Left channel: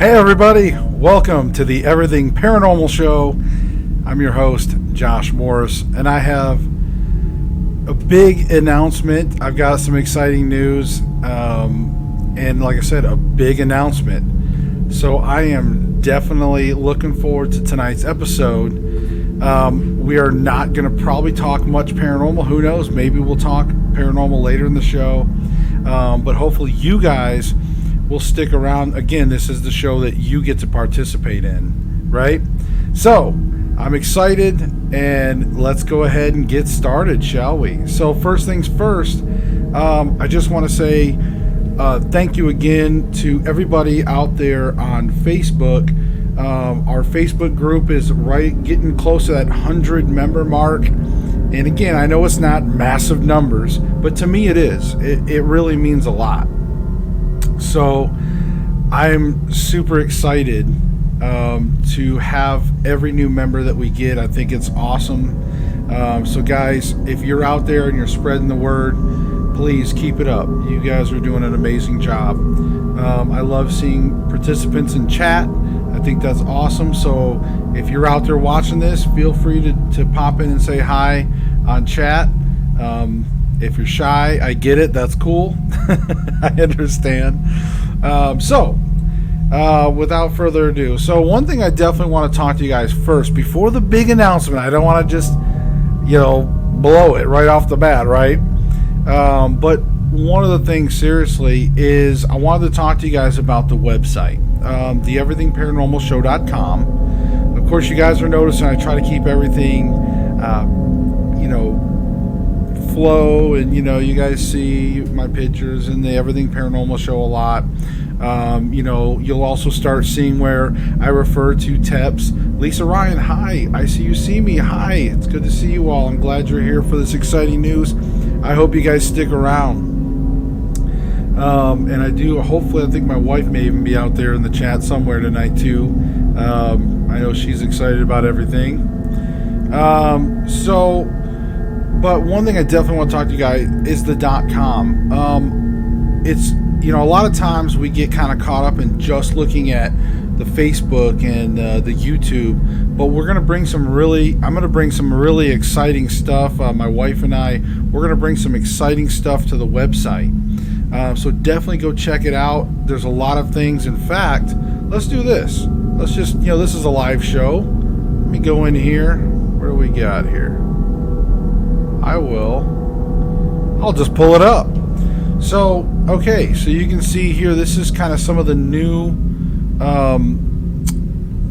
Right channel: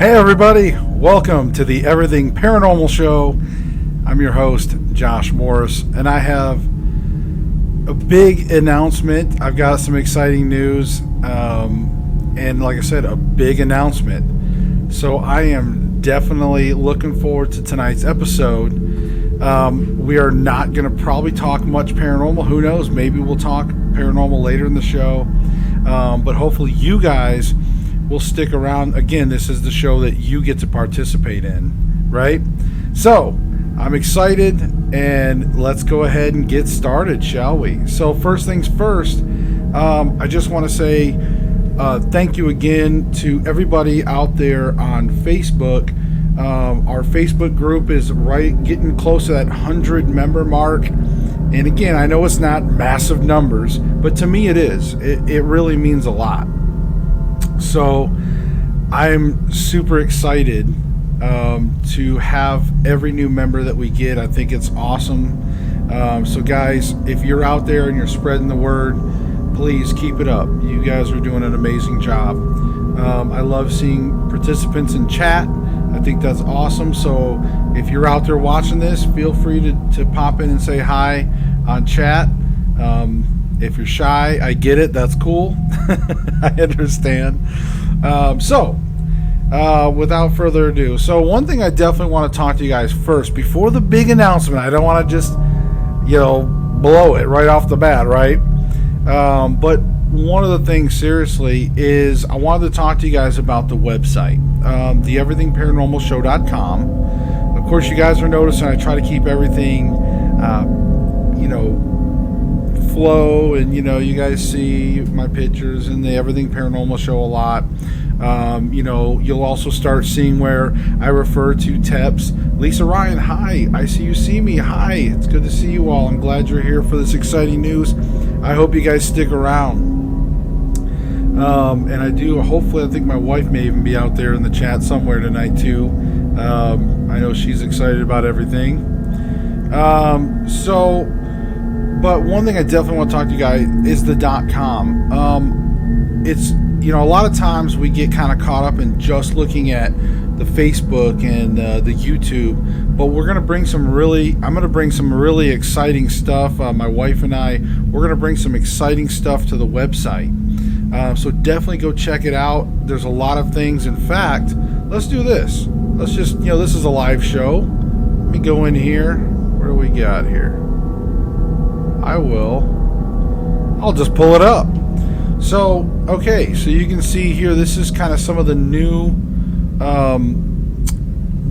Hey everybody, welcome to the Everything Paranormal Show. I'm your host, Josh Morris, and I have a big announcement. I've got some exciting news, and like I said, a big announcement. So I am definitely looking forward to tonight's episode. We are not going to probably talk much paranormal. Who knows? Maybe we'll talk paranormal later in the show, but hopefully you guys will stick around. Again, this is the show that you get to participate in, right? So I'm excited, and let's go ahead and get started, shall we? So first things first, I just want to say thank you again to everybody out there on Facebook. Our Facebook group is getting close to that 100 member mark, and again, I know it's not massive numbers, but to me it is. It really means a lot. So I'm super excited to have every new member that we get. I think it's awesome. So guys, if you're out there and you're spreading the word, please keep it up. You guys are doing an amazing job. I love seeing participants in chat. I think that's awesome. So if you're out there watching this, feel free to pop in and say hi on chat. If you're shy, I get it. That's cool. I understand. Without further ado, so one thing I definitely want to talk to you guys first before the big announcement. I don't want to just, blow it right off the bat, right? But one of the things, seriously, is I wanted to talk to you guys about the website, the everythingparanormalshow.com. Of course, you guys are noticing I try to keep everything, flow, and you guys see my pictures in the Everything Paranormal Show a lot. You'll also start seeing where I refer to TEPs. Lisa Ryan, hi, I see you see me. Hi, it's good to see you all. I'm glad you're here for this exciting news. I hope you guys stick around. And I do, hopefully, I think my wife may even be out there in the chat somewhere tonight too. I know she's excited about everything. But one thing I definitely want to talk to you guys is the .com. It's, a lot of times we get kind of caught up in just looking at the Facebook and the YouTube, but I'm going to bring some really exciting stuff. My wife and we're going to bring some exciting stuff to the website. So definitely go check it out. There's a lot of things. In fact, let's do this. Let's just, this is a live show. Let me go in here. What do we got here? I'll just pull it up. So, okay, so you can see here, this is kind of some of the new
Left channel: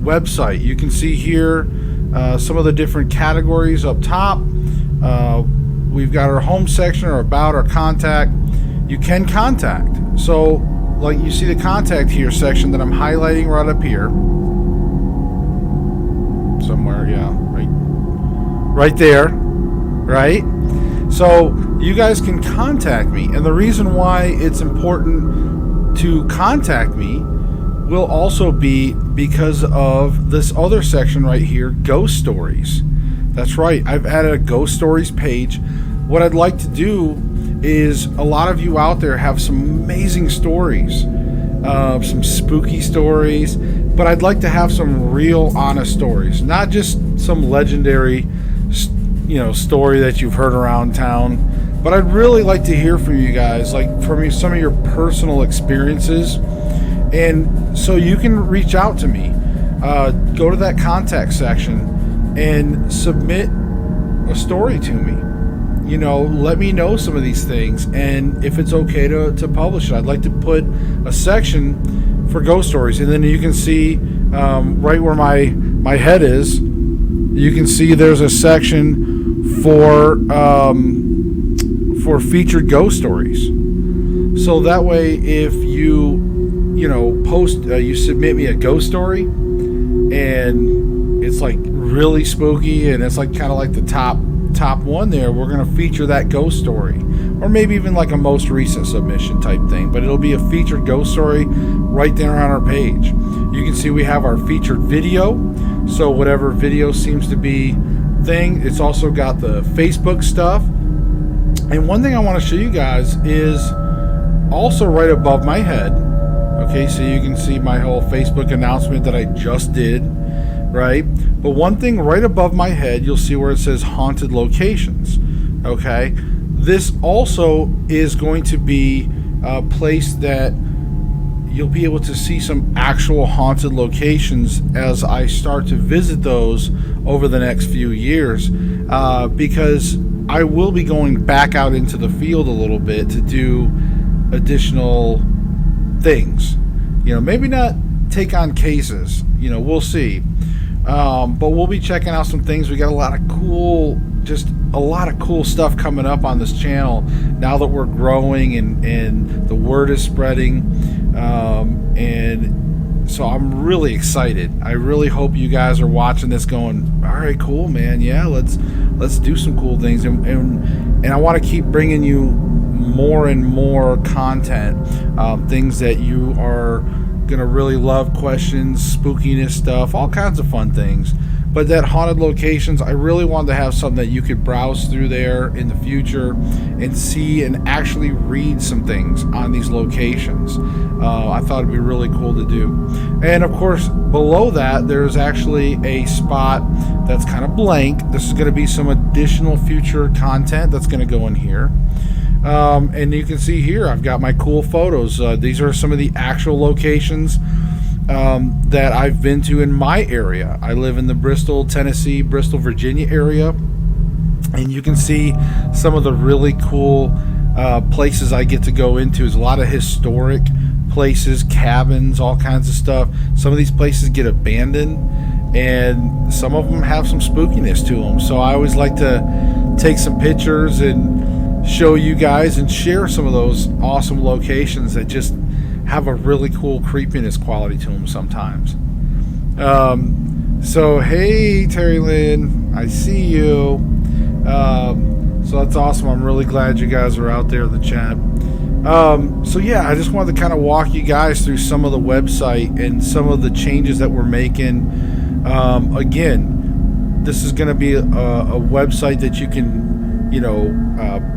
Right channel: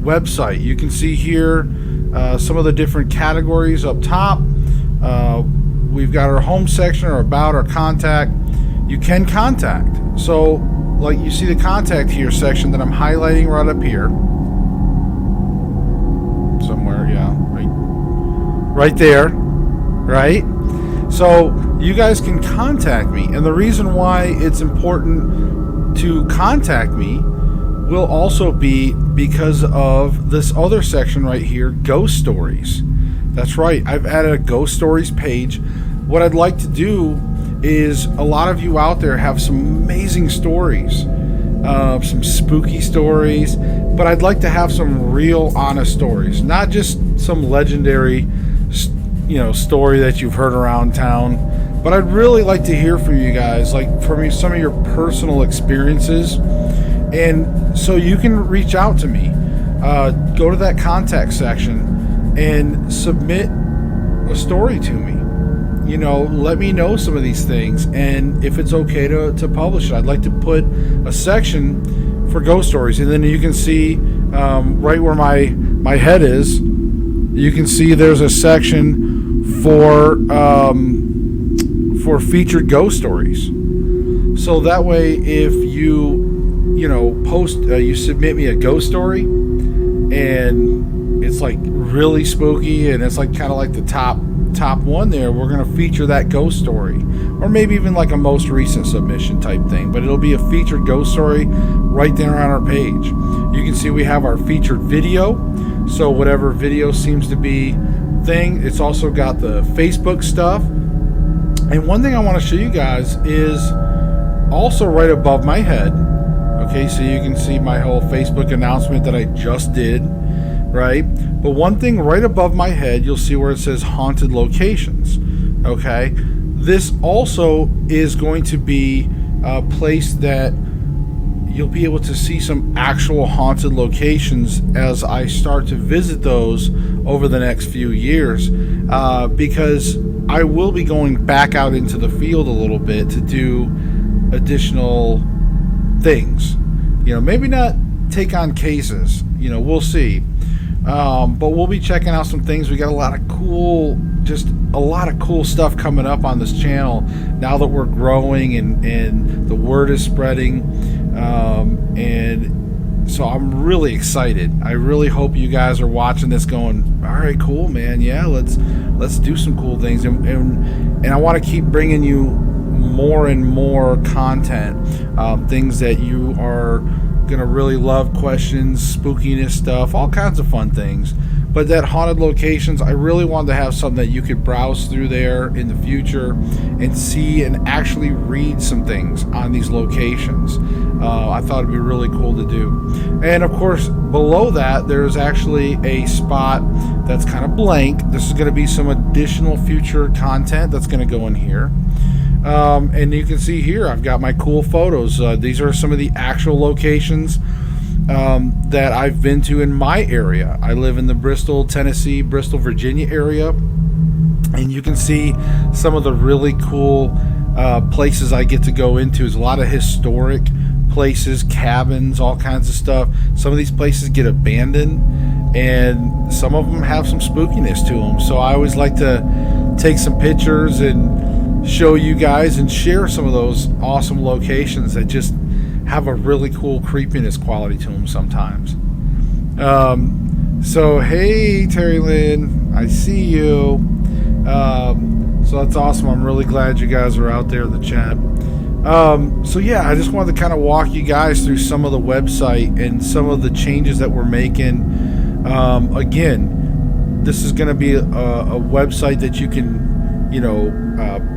website. You can see here some of the different categories up top. We've got our home section, our about, our contact. You can contact. So, like you see the contact here section that I'm highlighting right up here. Somewhere, yeah, right there. Right? So you guys can contact me, and the reason why it's important to contact me will also be because of this other section right here, ghost stories. That's right, I've added a ghost stories page. What I'd like to do is, a lot of you out there have some amazing stories, some spooky stories, but I'd like to have some real honest stories, not just some legendary story that you've heard around town, but I'd really like to hear from you guys, like from some of your personal experiences. And so you can reach out to me, go to that contact section and submit a story to me. Let me know some of these things, and if it's okay to publish it. I'd like to put a section for ghost stories, and then you can see right where my head is, you can see there's a section for featured ghost stories. So that way, if you post, you submit me a ghost story, and it's like really spooky, and it's like kind of like the top one there, we're going to feature that ghost story, or maybe even like a most recent submission type thing, but it'll be a featured ghost story right there on our page. You can see we have our featured video, so whatever video seems to be thing. It's also got the Facebook stuff. And one thing I want to show you guys is also right above my head, Okay, so you can see my whole Facebook announcement that I just did, right? But one thing right above my head, you'll see where it says haunted locations. Okay, this also is going to be a place that you'll be able to see some actual haunted locations as I start to visit those over the next few years, because I will be going back out into the field a little bit to do additional things. Maybe not take on cases, we'll see. But we'll be checking out some things. We got a lot of cool stuff coming up on this channel now that we're growing and the word is spreading. And so I'm really excited. I really hope you guys are watching this going, all right, cool, man. Yeah, let's do some cool things. And I want to keep bringing you more and more content, things that you are gonna really love, questions, spookiness stuff, all kinds of fun things. But that haunted locations, I really wanted to have something that you could browse through there in the future and see and actually read some things on these locations. I thought it'd be really cool to do. And of course, below that, there's actually a spot that's kind of blank. This is going to be some additional future content that's going to go in here. And you can see here, I've got my cool photos. These are some of the actual locations that I've been to in my area. I live in the Bristol, Tennessee, Bristol, Virginia area. And you can see some of the really cool places I get to go into. There's a lot of historic places, cabins, all kinds of stuff. Some of these places get abandoned, and some of them have some spookiness to them. So I always like to take some pictures and show you guys and share some of those awesome locations that just have a really cool creepiness quality to them sometimes. So hey, Terry Lynn, I see you. So that's awesome. I'm really glad you guys are out there in the chat. So yeah, I just wanted to kind of walk you guys through some of the website and some of the changes that we're making. Again, this is going to be a website that you can,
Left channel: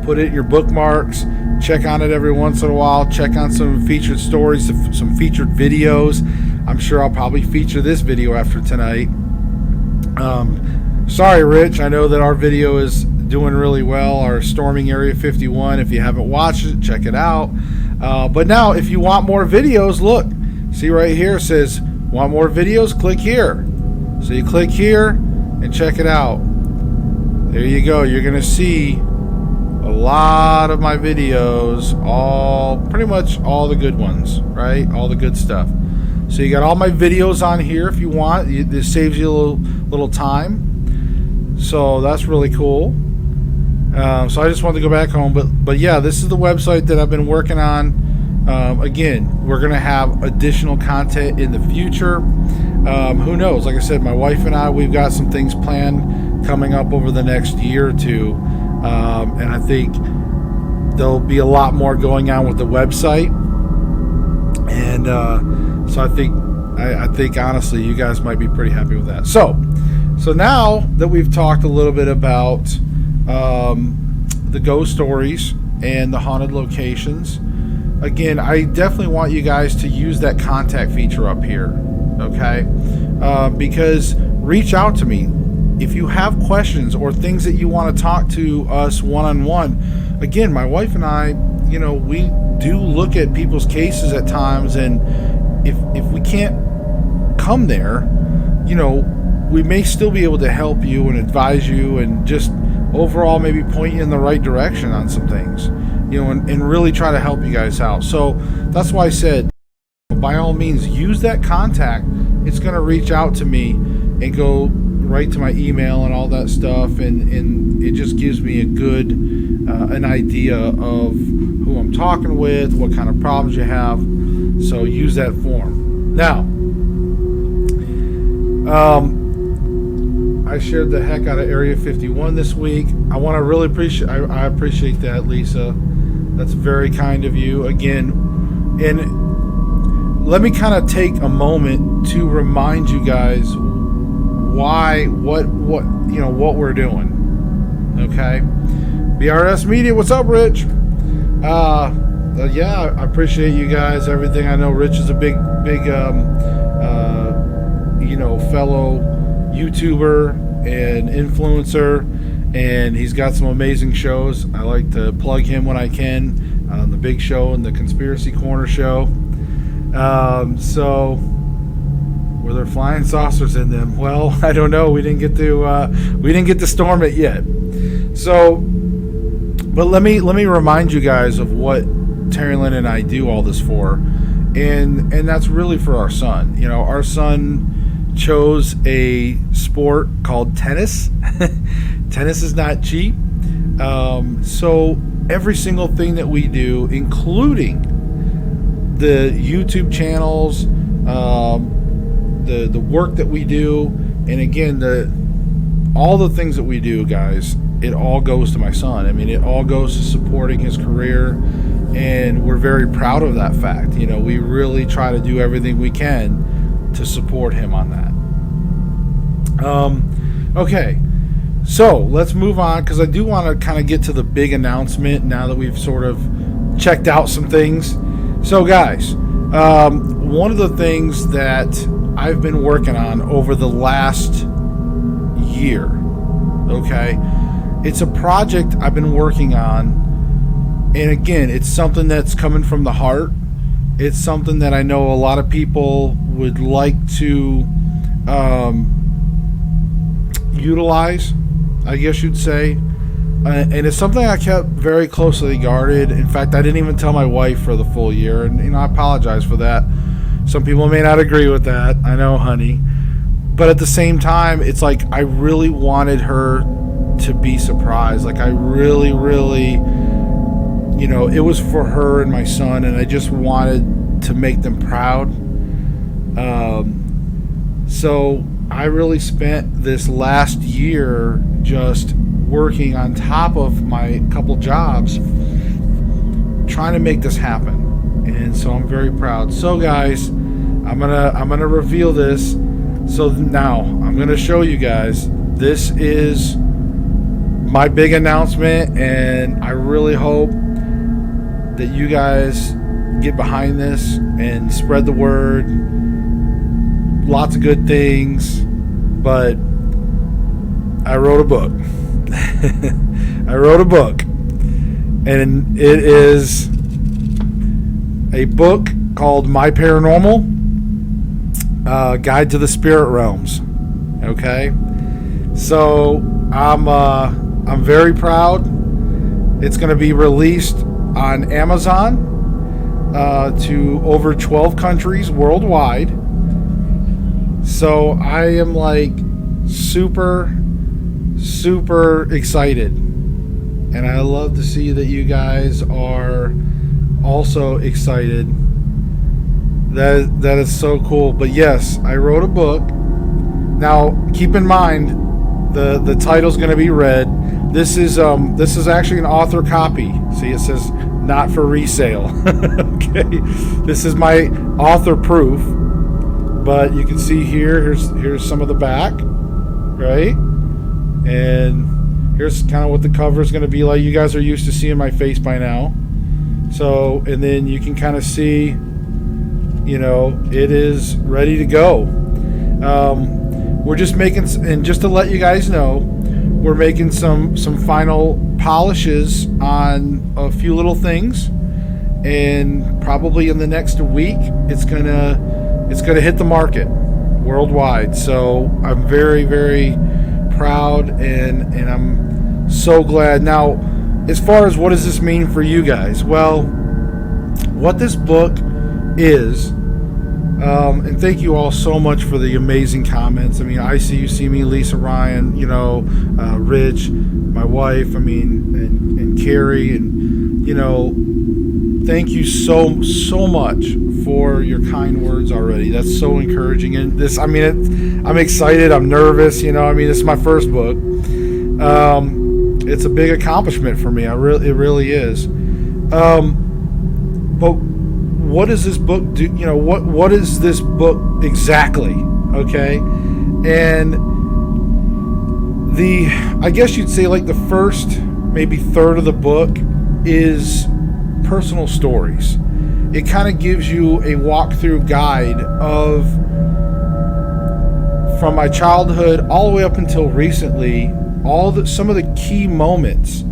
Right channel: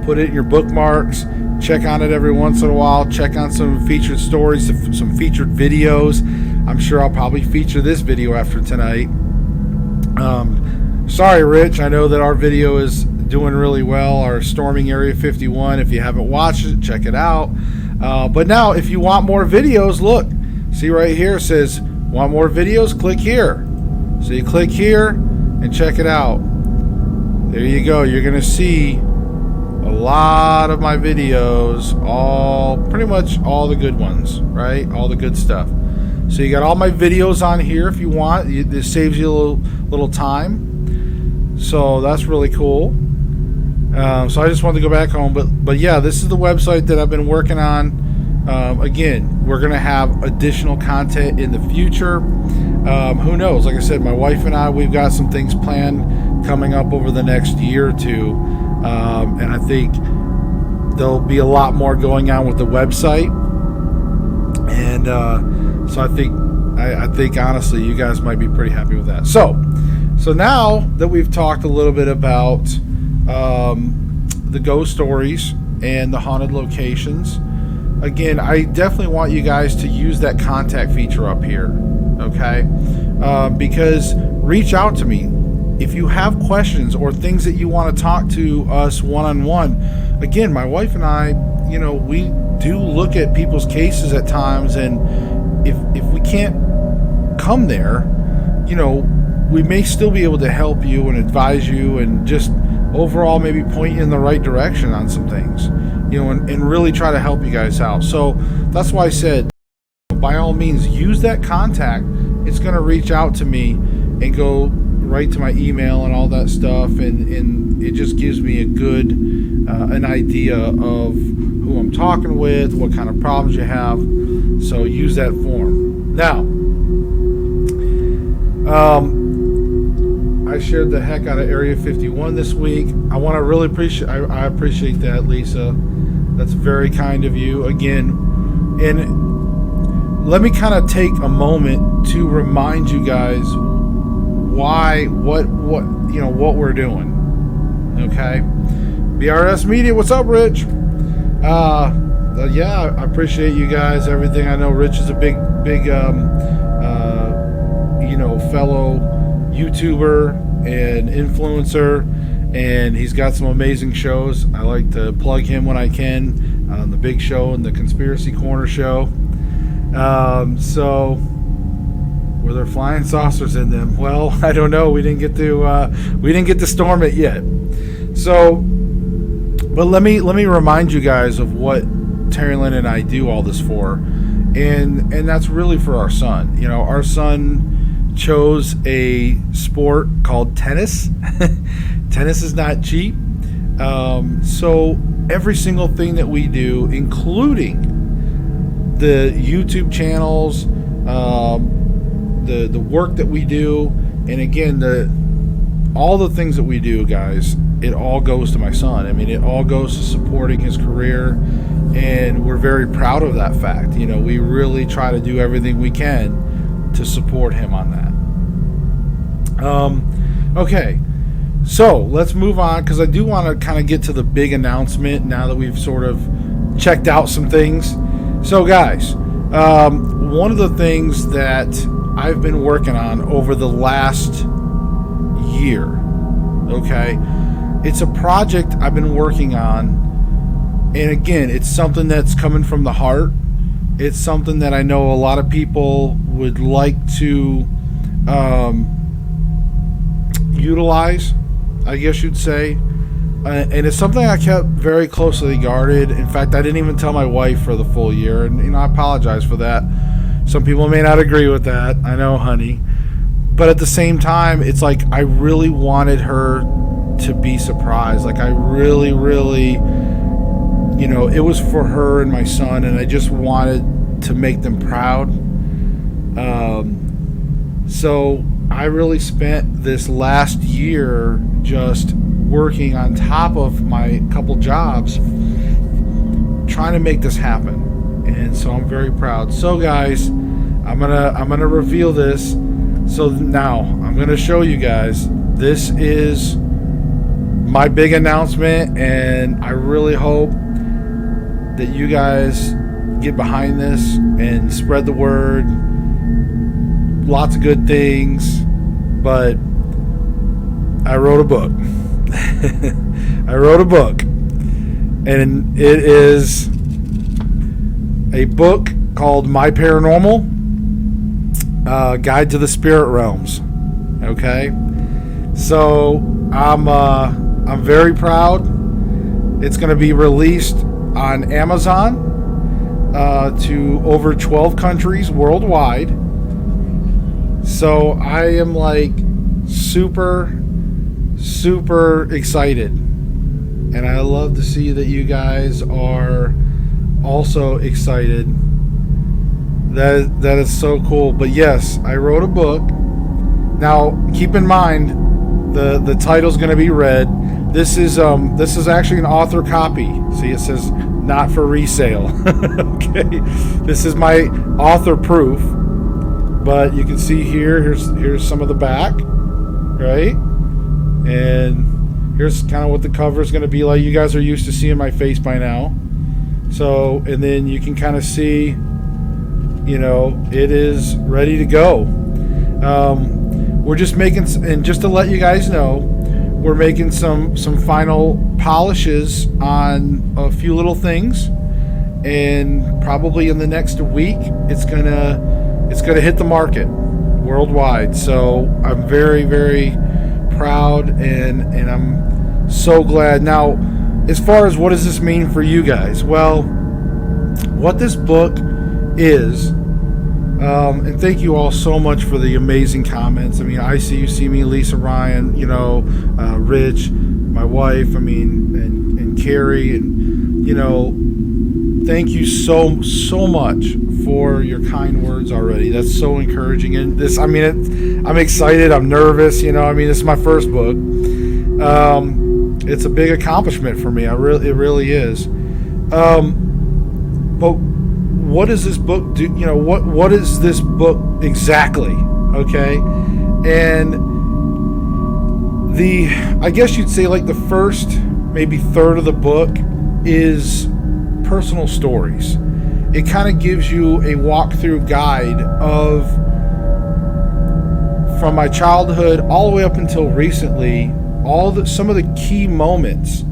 put it in your bookmarks, check on it every once in a while, check on some featured stories, some featured videos. I'm sure I'll probably feature this video after tonight. Sorry, Rich, I know that our video is doing really well, our storming Area 51. If you haven't watched it, check it out. But now, if you want more videos, look, see right here, it says, want more videos? Click here. So you click here and check it out. There you go. You're going to see a lot of my videos, pretty much all the good ones, right? All the good stuff. So you got all my videos on here if you want. This saves you a little time. So that's really cool. So I just wanted to go back home. But yeah, this is the website that I've been working on. Again, we're going to have additional content in the future. Who knows? Like I said, my wife and I, we've got some things planned coming up over the next year or two. And I think there'll be a lot more going on with the website. And so I think honestly, you guys might be pretty happy with that. So now that we've talked a little bit about the ghost stories and the haunted locations, again, I definitely want you guys to use that contact feature up here, okay? Because reach out to me if you have questions or things that you want to talk to us one-on-one. Again, my wife and I, we do look at people's cases at times, and if we can't come there, we may still be able to help you and advise you and just overall maybe point you in the right direction on some things, and really try to help you guys out. So that's why I said, by all means, use that contact. It's going to reach out to me and go right to my email and all that stuff, and it just gives me a good an idea of who I'm talking with, what kind of problems you have. So use that form. Now, I shared the heck out of Area 51 this week. I want to really appreciate. I appreciate that, Lisa. That's very kind of you again. And let me kind of take a moment to remind you guys what we're doing. Okay, BRS Media. What's up, Rich? yeah, I appreciate you guys, everything. I know Rich is a big fellow YouTuber and influencer, and he's got some amazing shows. I like to plug him when I can on the Big Show and the Conspiracy Corner show. So were there flying saucers in them? Well, I don't know. We didn't get to storm it yet. So, but let me remind you guys of what Terry Lynn and I do all this for, and that's really for our son. You know, our son chose a sport called tennis. Tennis is not cheap. So every single thing that we do, including the YouTube channels, the work that we do, and again, all the things that we do, guys, it all goes to my son. I mean, it all goes to supporting his career, and we're very proud of that fact. You know, we really try to do everything we can to support him on that. Okay, so let's move on, because I do want to kind of get to the big announcement now that we've sort of checked out some things. So guys, one of the things that I've been working on over the last year, okay, it's a project I've been working on, and again, it's something that's coming from the heart. It's something that I know a lot of people would like to utilize, I guess you'd say, and it's something I kept very closely guarded. In fact, I didn't even tell my wife for the full year, and I apologize for that. Some people may not agree with that, I know, honey, but at the same time, it's like I really wanted her to be surprised. Like I really, you know, it was for her and my son, and I just wanted to make them proud. So I really spent this last year just working on top of my couple jobs trying to make this happen, and so I'm very proud. So guys, I'm gonna reveal this. So now I'm gonna show you guys, this is my big announcement, and I really hope that you guys get behind this and spread the word. Lots of good things, but I wrote a book. I wrote a book, and it is a book called My Paranormal Guide to the Spirit Realms. Okay, so I'm very proud. It's going to be released on Amazon to over 12 countries worldwide. So I am like super excited, and I love to see that you guys are also excited. That is so cool. But yes, I wrote a book. Now keep in mind the title's going to be read. This is actually an author copy. See, it says not for resale. Okay, this is my author proof. But you can see here's some of the back, right? And here's kind of what the cover is going to be like. You guys are used to seeing my face by now. So, and then you can kind of see, you know, it is ready to go. We're just making, and just to let you guys know, we're making some final polishes on a few little things, and probably in the next week it's gonna hit the market worldwide. So I'm very proud, and I'm so glad. Now, as far as what does this mean for you guys? Well, what this book is, and thank you all so much for the amazing comments. I mean, I see you, see me, Lisa, Ryan, you know, Rich, my wife, I mean, and Carrie, and, you know, thank you so much for your kind words already. That's so encouraging. And this, I mean, I'm excited. I'm nervous. You know, I mean, this is my first book. It's a big accomplishment for me. It really is. But what does this book do? You know, what is this book exactly? Okay, and I guess you'd say like the first maybe third of the book is personal stories. It kind of gives you a walkthrough guide of from my childhood all the way up until recently, some of the key moments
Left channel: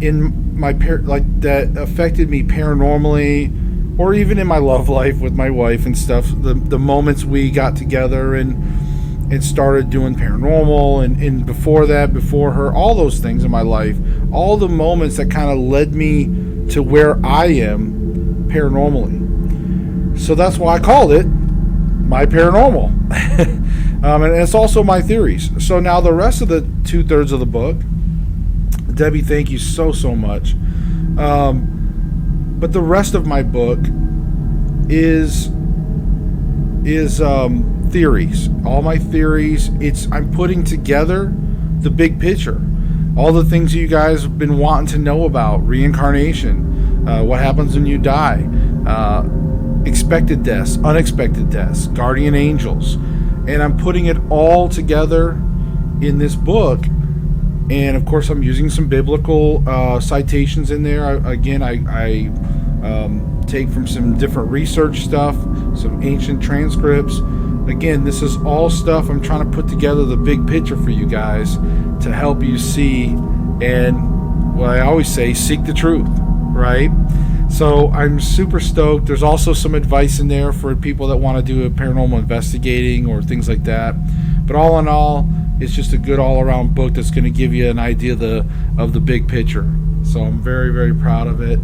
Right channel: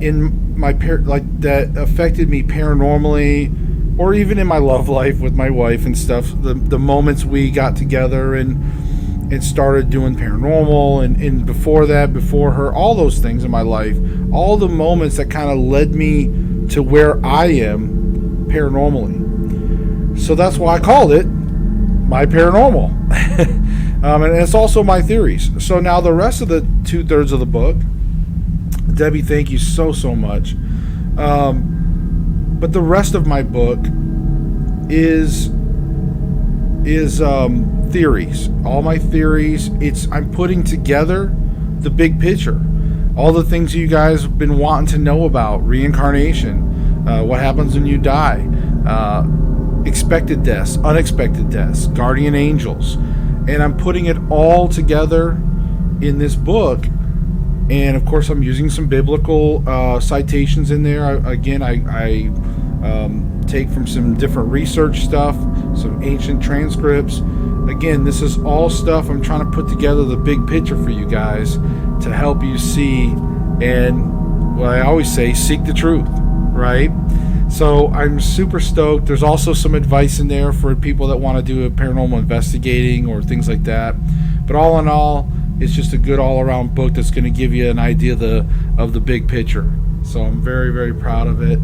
in my that affected me paranormally, or even in my love life with my wife and stuff. The moments we got together and started doing paranormal, and before that, before her, all those things in my life, all the moments that kind of led me to where I am paranormally. So that's why I called it My Paranormal. And it's also my theories. So now the rest of the 2/3 of the book, Debbie, thank you so much. But the rest of my book is theories. All my theories. I'm putting together the big picture. All the things you guys have been wanting to know about: reincarnation, what happens when you die, expected deaths, unexpected deaths, guardian angels. And I'm putting it all together in this book. And of course, I'm using some biblical citations in there. I take from some different research stuff, some ancient transcripts. Again, this is all stuff I'm trying to put together the big picture for you guys to help you see. And what I always say, seek the truth, right? So I'm super stoked. There's also some advice in there for people that want to do a paranormal investigating or things like that. But all in all, it's just a good all-around book that's going to give you an idea of the big picture. So I'm very, very proud of it.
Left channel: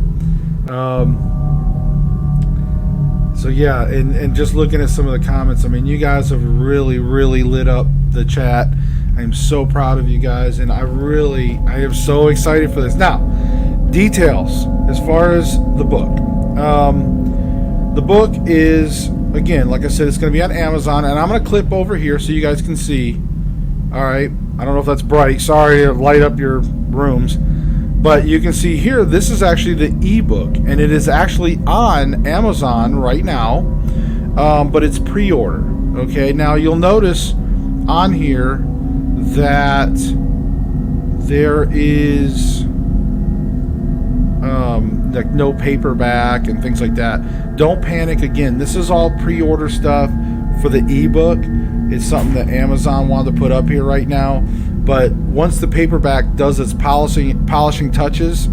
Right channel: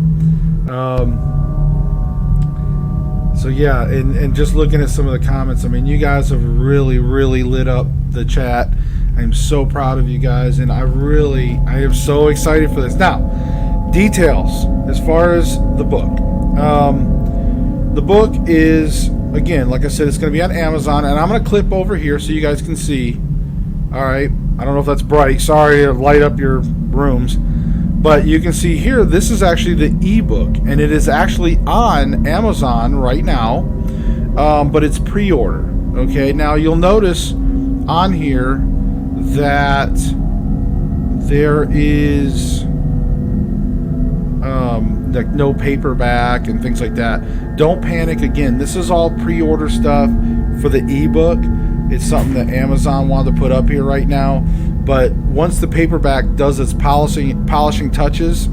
So yeah, and just looking at some of the comments, I mean, you guys have really, really lit up the chat. I'm so proud of you guys, and I am so excited for this. Now, details as far as the book. The book is, again, like I said, it's going to be on Amazon, and I'm going to clip over here so you guys can see. All right, I don't know if that's bright. Sorry to light up your rooms, but you can see here, this is actually the ebook, and it is actually on Amazon right now, but it's pre-order. Okay, now you'll notice on here that there is like no paperback and things like that. Don't panic. Again, this is all pre-order stuff for the ebook. It's something that Amazon wanted to put up here right now, but once the paperback does its polishing touches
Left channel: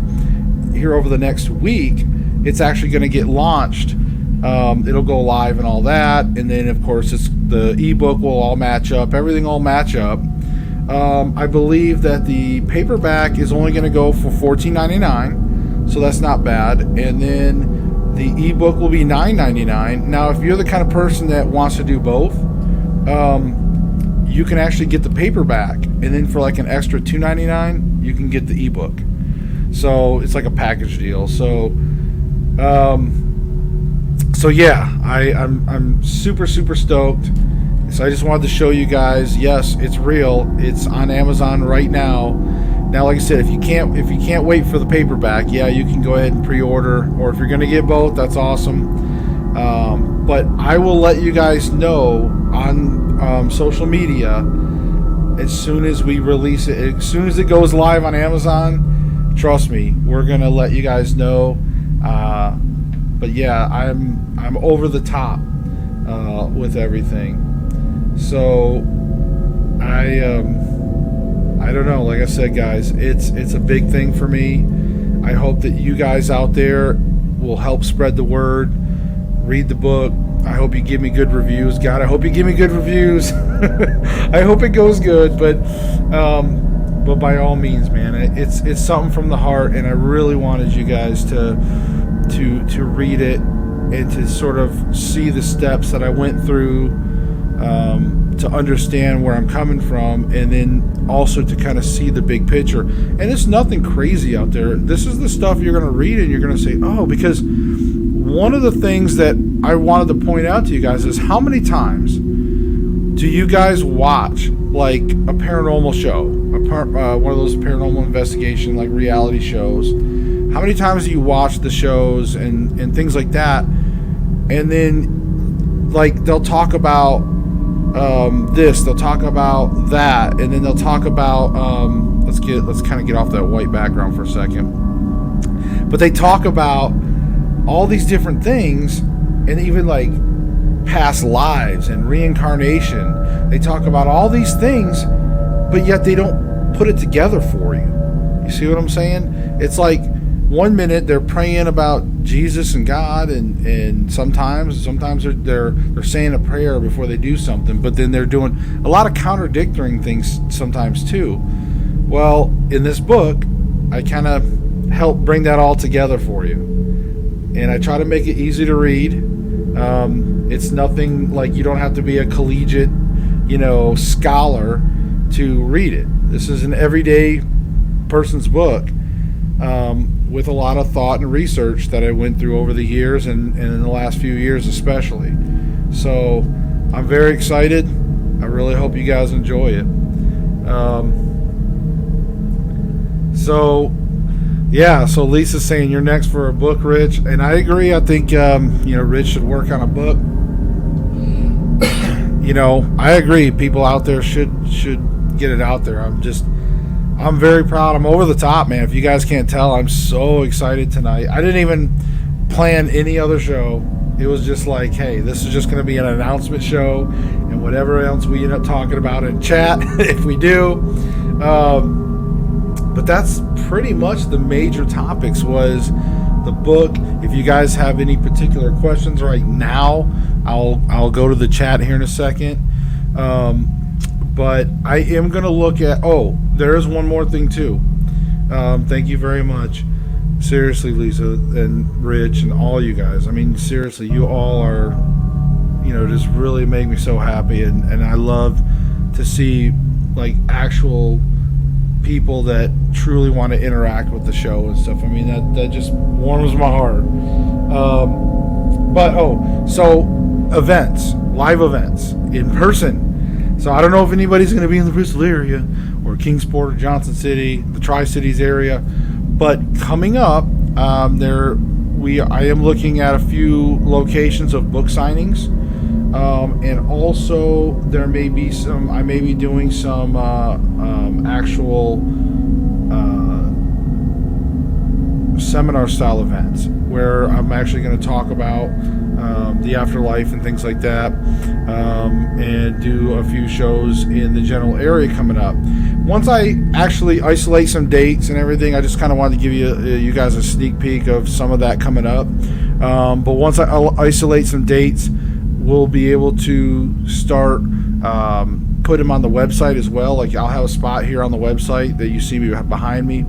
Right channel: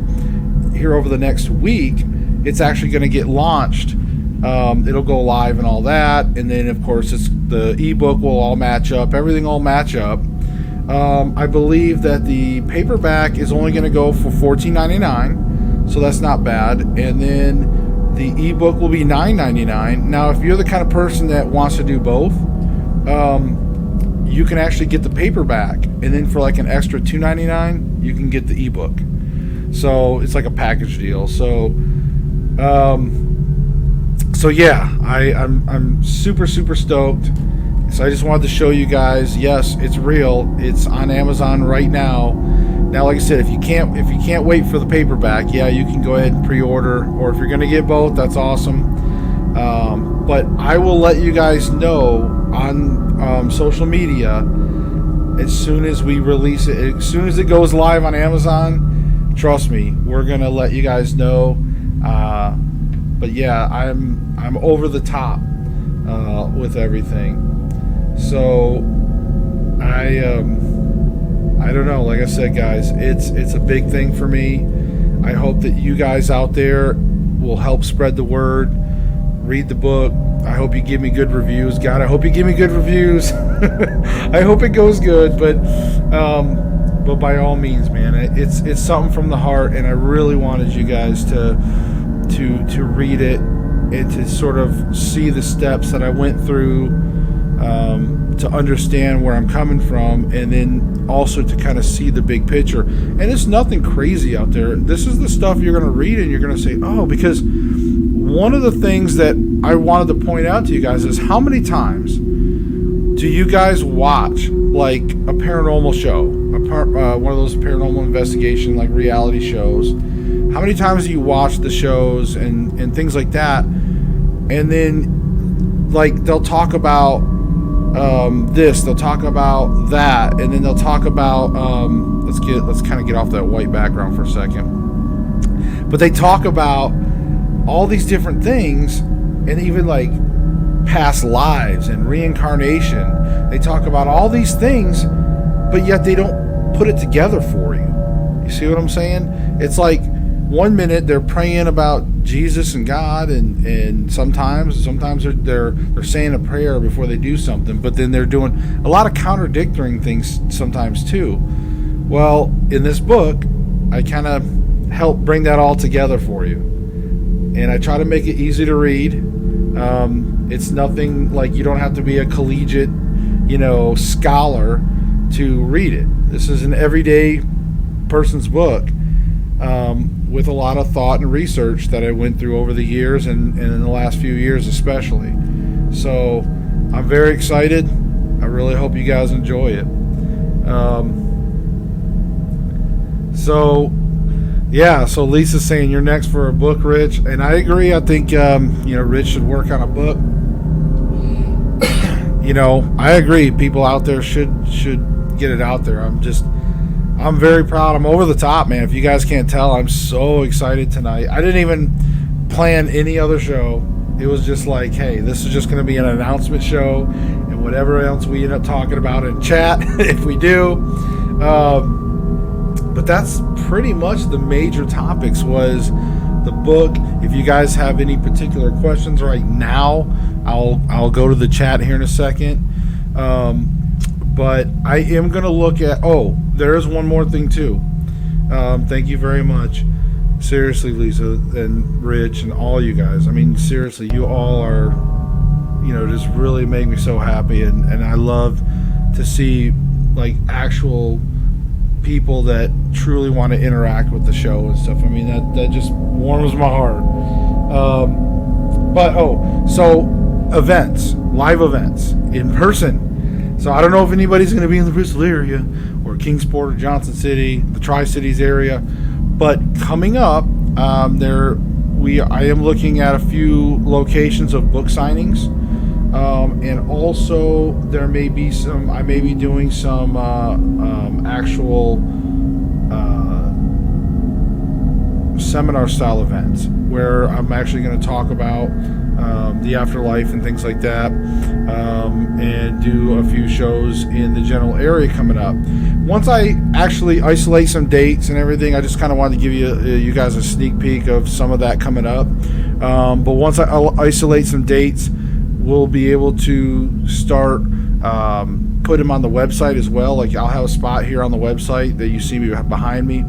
here over the next week, it's actually going to get launched. It'll go live and all that, and then of course the ebook will all match up. Everything will match up. I believe that the paperback is only going to go for $14.99, so that's not bad. And then the ebook will be $9.99. Now, if you're the kind of person that wants to do both, you can actually get the paperback, and then for like an extra $2.99, you can get the ebook. So it's like a package deal. So yeah, I'm super stoked. So I just wanted to show you guys, yes, it's real. It's on Amazon right now. Now, like I said, if you can't wait for the paperback, yeah, you can go ahead and pre-order. Or if you're going to get both, that's awesome. But I will let you guys know on social media as soon as we release it. As soon as it goes live on Amazon, trust me, we're going to let you guys know. But yeah, I'm over the top with everything. So I don't know. Like I said, guys, it's a big thing for me. I hope that you guys out there will help spread the word. Read the book. I hope you give me good reviews. God, I hope you give me good reviews. I hope it goes good, but by all means, man, it's something from the heart, and I really wanted you guys to read it and to sort of see the steps that I went through to understand where I'm coming from, and then also to kind of see the big picture. And it's nothing crazy out there. This is the stuff you're going to read and you're going to say, oh, because one of the things that I wanted to point out to you guys is how many times do you guys watch like a paranormal show, one of those paranormal investigation like reality shows? How many times do you watch the shows and things like that, and then like they'll talk about this, they'll talk about that, and then they'll talk about let's kind of get off that white background for a second. But they talk about all these different things, and even like past lives and reincarnation. They talk about all these things, but yet they don't put it together for you. You see what I'm saying? It's like one minute they're praying about Jesus and God, and sometimes they're saying a prayer before they do something, but then they're doing a lot of contradicting things sometimes too. Well, in this book, I kind of help bring that all together for you, and I try to make it easy to read. It's nothing like you don't have to be a collegiate, scholar to read it. This is an everyday person's book, with a lot of thought and research that I went through over the years, and in the last few years especially. So I'm very excited. I really hope you guys enjoy it. So Lisa's saying you're next for a book, Rich, and I agree. I think Rich should work on a book. I agree. People out there should get it out there. I'm very proud. I'm over the top, man. If you guys can't tell, I'm so excited tonight. I didn't even plan any other show. It was just like, hey, this is just going to be an announcement show, and whatever else we end up talking about in chat, if we do. But that's pretty much the major topics was the book. If you guys have any particular questions right now, I'll go to the chat here in a second. But I am going to look at... Oh, there is one more thing, too. Thank you very much. Seriously, Lisa and Rich and all you guys. I mean, seriously, you all are, just really make me so happy. And I love to see, like, actual people that truly want to interact with the show and stuff. I mean, that just warms my heart. So events, live events, in person. So I don't know if anybody's going to be in the Bristol area or Kingsport or Johnson City, the Tri-Cities area, but coming up, I am looking at a few locations of book signings, and also there may be I may be doing some actual seminar style events where I'm actually going to talk about the afterlife and things like that, and do a few shows in the general area coming up. Once I actually isolate some dates and everything, I just kind of wanted to give you guys a sneak peek of some of that coming up. But once I'll isolate some dates, we'll be able to start put them on the website as well. Like, I'll have a spot here on the website that you see me behind me.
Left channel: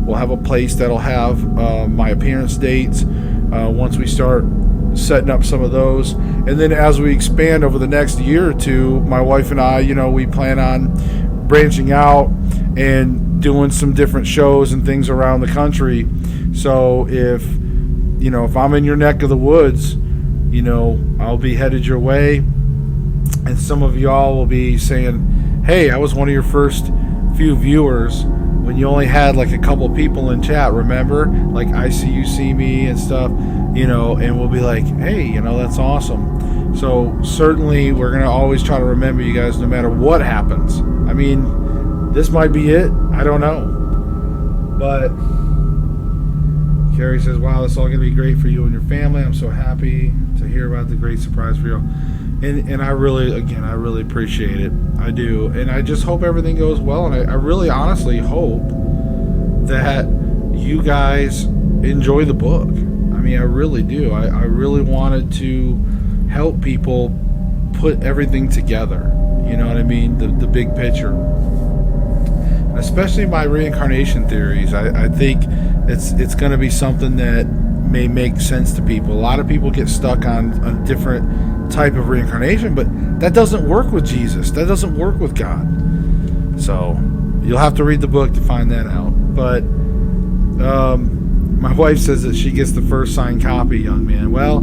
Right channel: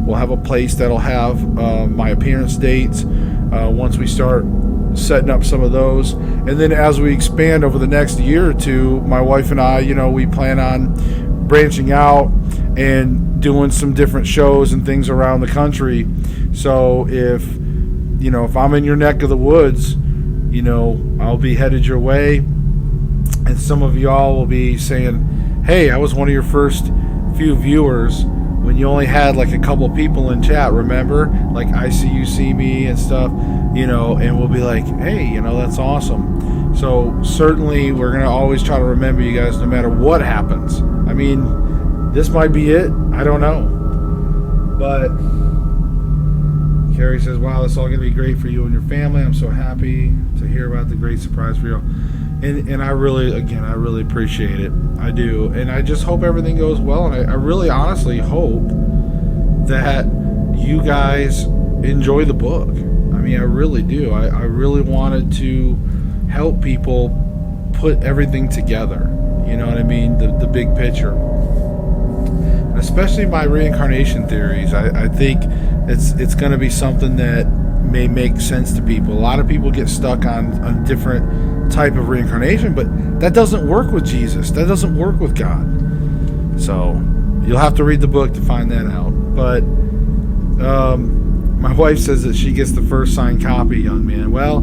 We'll have a place that'll have my appearance dates once we start setting up some of those. And then as we expand over the next year or two, my wife and I, we plan on branching out and doing some different shows and things around the country. So if I'm in your neck of the woods, I'll be headed your way, and some of y'all will be saying, hey, I was one of your first few viewers when you only had like a couple people in chat, remember? Like, I see you see me and stuff, and we'll be like, hey, that's awesome. So certainly we're going to always try to remember you guys no matter what happens. I mean, this might be it. I don't know. But Carrie says, wow, this is all going to be great for you and your family. I'm so happy to hear about the great surprise for you. And I really appreciate it. I do. And I just hope everything goes well. And I really honestly hope that you guys enjoy the book. I mean, I really do. I really wanted to help people put everything together. You know what I mean? The big picture. And especially my reincarnation theories. I think it's going to be something that may make sense to people. A lot of people get stuck on a different type of reincarnation, but that doesn't work with Jesus. That doesn't work with God. So you'll have to read the book to find that out. But my wife says that she gets the first signed copy, young man. Well,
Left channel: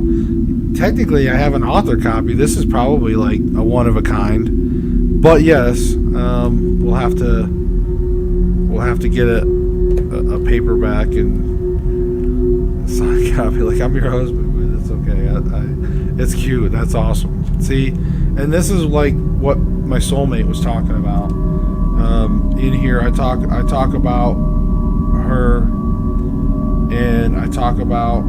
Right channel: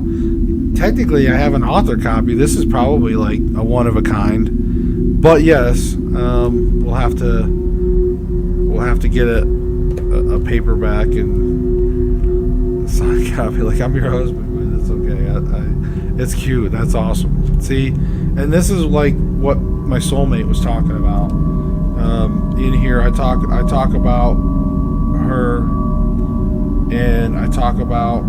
technically I have an author copy. This is probably like a one of a kind. But yes, we'll have to get a paperback and a signed copy. Like, I'm your husband, but it's okay. It's cute. That's awesome. See, and this is like what my soulmate was talking about. In here, I talk about her, and I talk about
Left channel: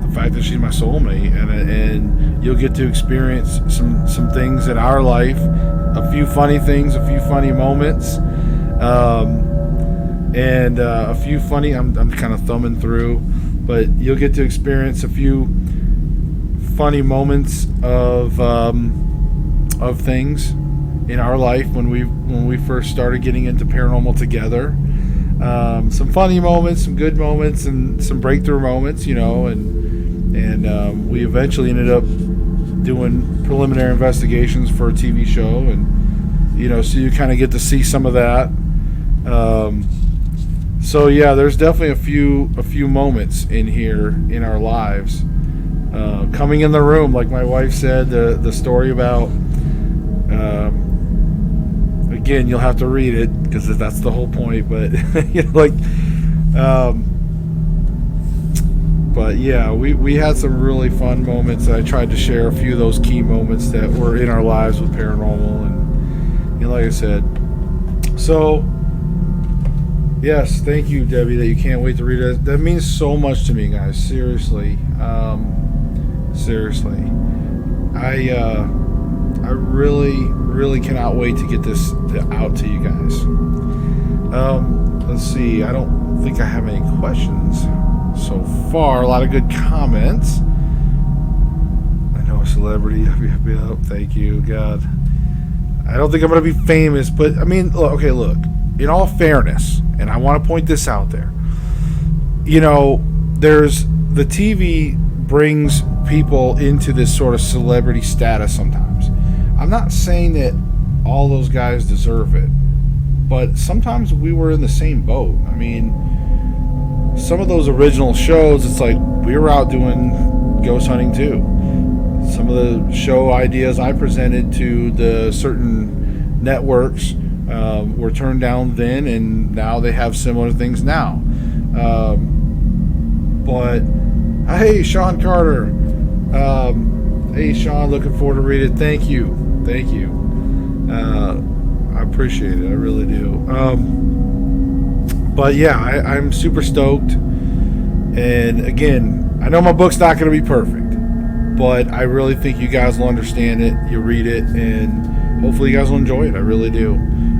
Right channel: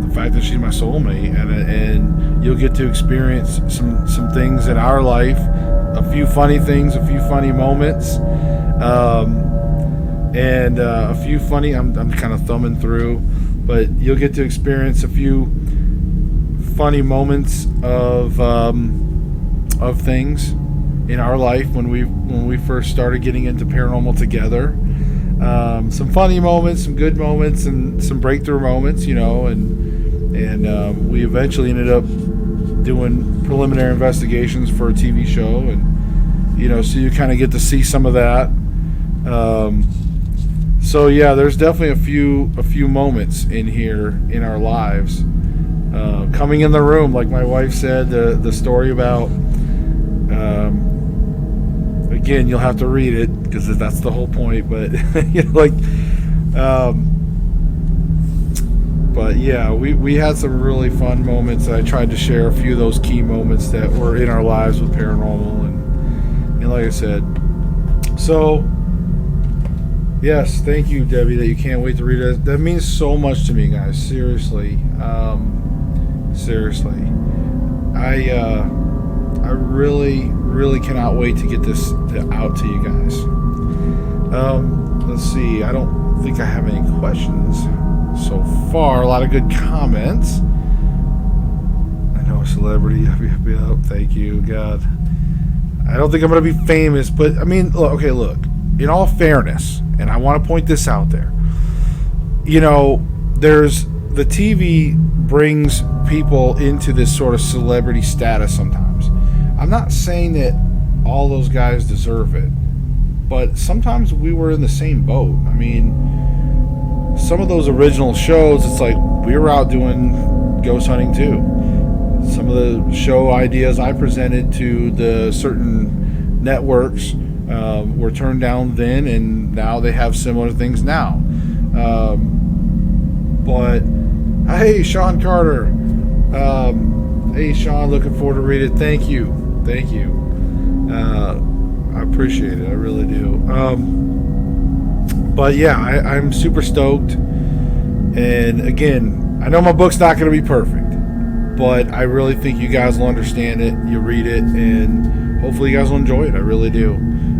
the fact that she's my soulmate, and you'll get to experience some things in our life, a few funny things, a few funny moments, and a few funny. I'm kind of thumbing through, but you'll get to experience a few funny moments of things in our life when we first started getting into paranormal together. Some funny moments, some good moments, and some breakthrough moments, and we eventually ended up doing preliminary investigations for a TV show, and so you kind of get to see some of that. So yeah, there's definitely a few moments in here in our lives. Coming in the room, like my wife said, the story about, again, you'll have to read it because that's the whole point, but but yeah, we had some really fun moments. I tried to share a few of those key moments that were in our lives with paranormal, and like I said, so yes, thank you, Debbie, that you can't wait to read it. That means so much to me, guys. Seriously. Seriously. I really cannot wait to get this out to you guys. Let's see. I don't think I have any questions so far. A lot of good comments. I know a celebrity. Thank you, God. I don't think I'm going to be famous, but I mean, look, in all fairness, and I want to point this out there, there's the TV brings people into this sort of celebrity status sometimes. I'm not saying that all those guys deserve it, but sometimes we were in the same boat. I mean, some of those original shows, it's like we were out doing ghost hunting too. Some of the show ideas I presented to the certain networks were turned down then, and now they have similar things now. But hey, Sean Carter. Hey, Sean, looking forward to read it. Thank you. I appreciate it. I really do. But yeah, I'm super stoked. And again, I know my book's not going to be perfect, but I really think you guys will understand it. You'll read it, and hopefully you guys will enjoy it. I really do.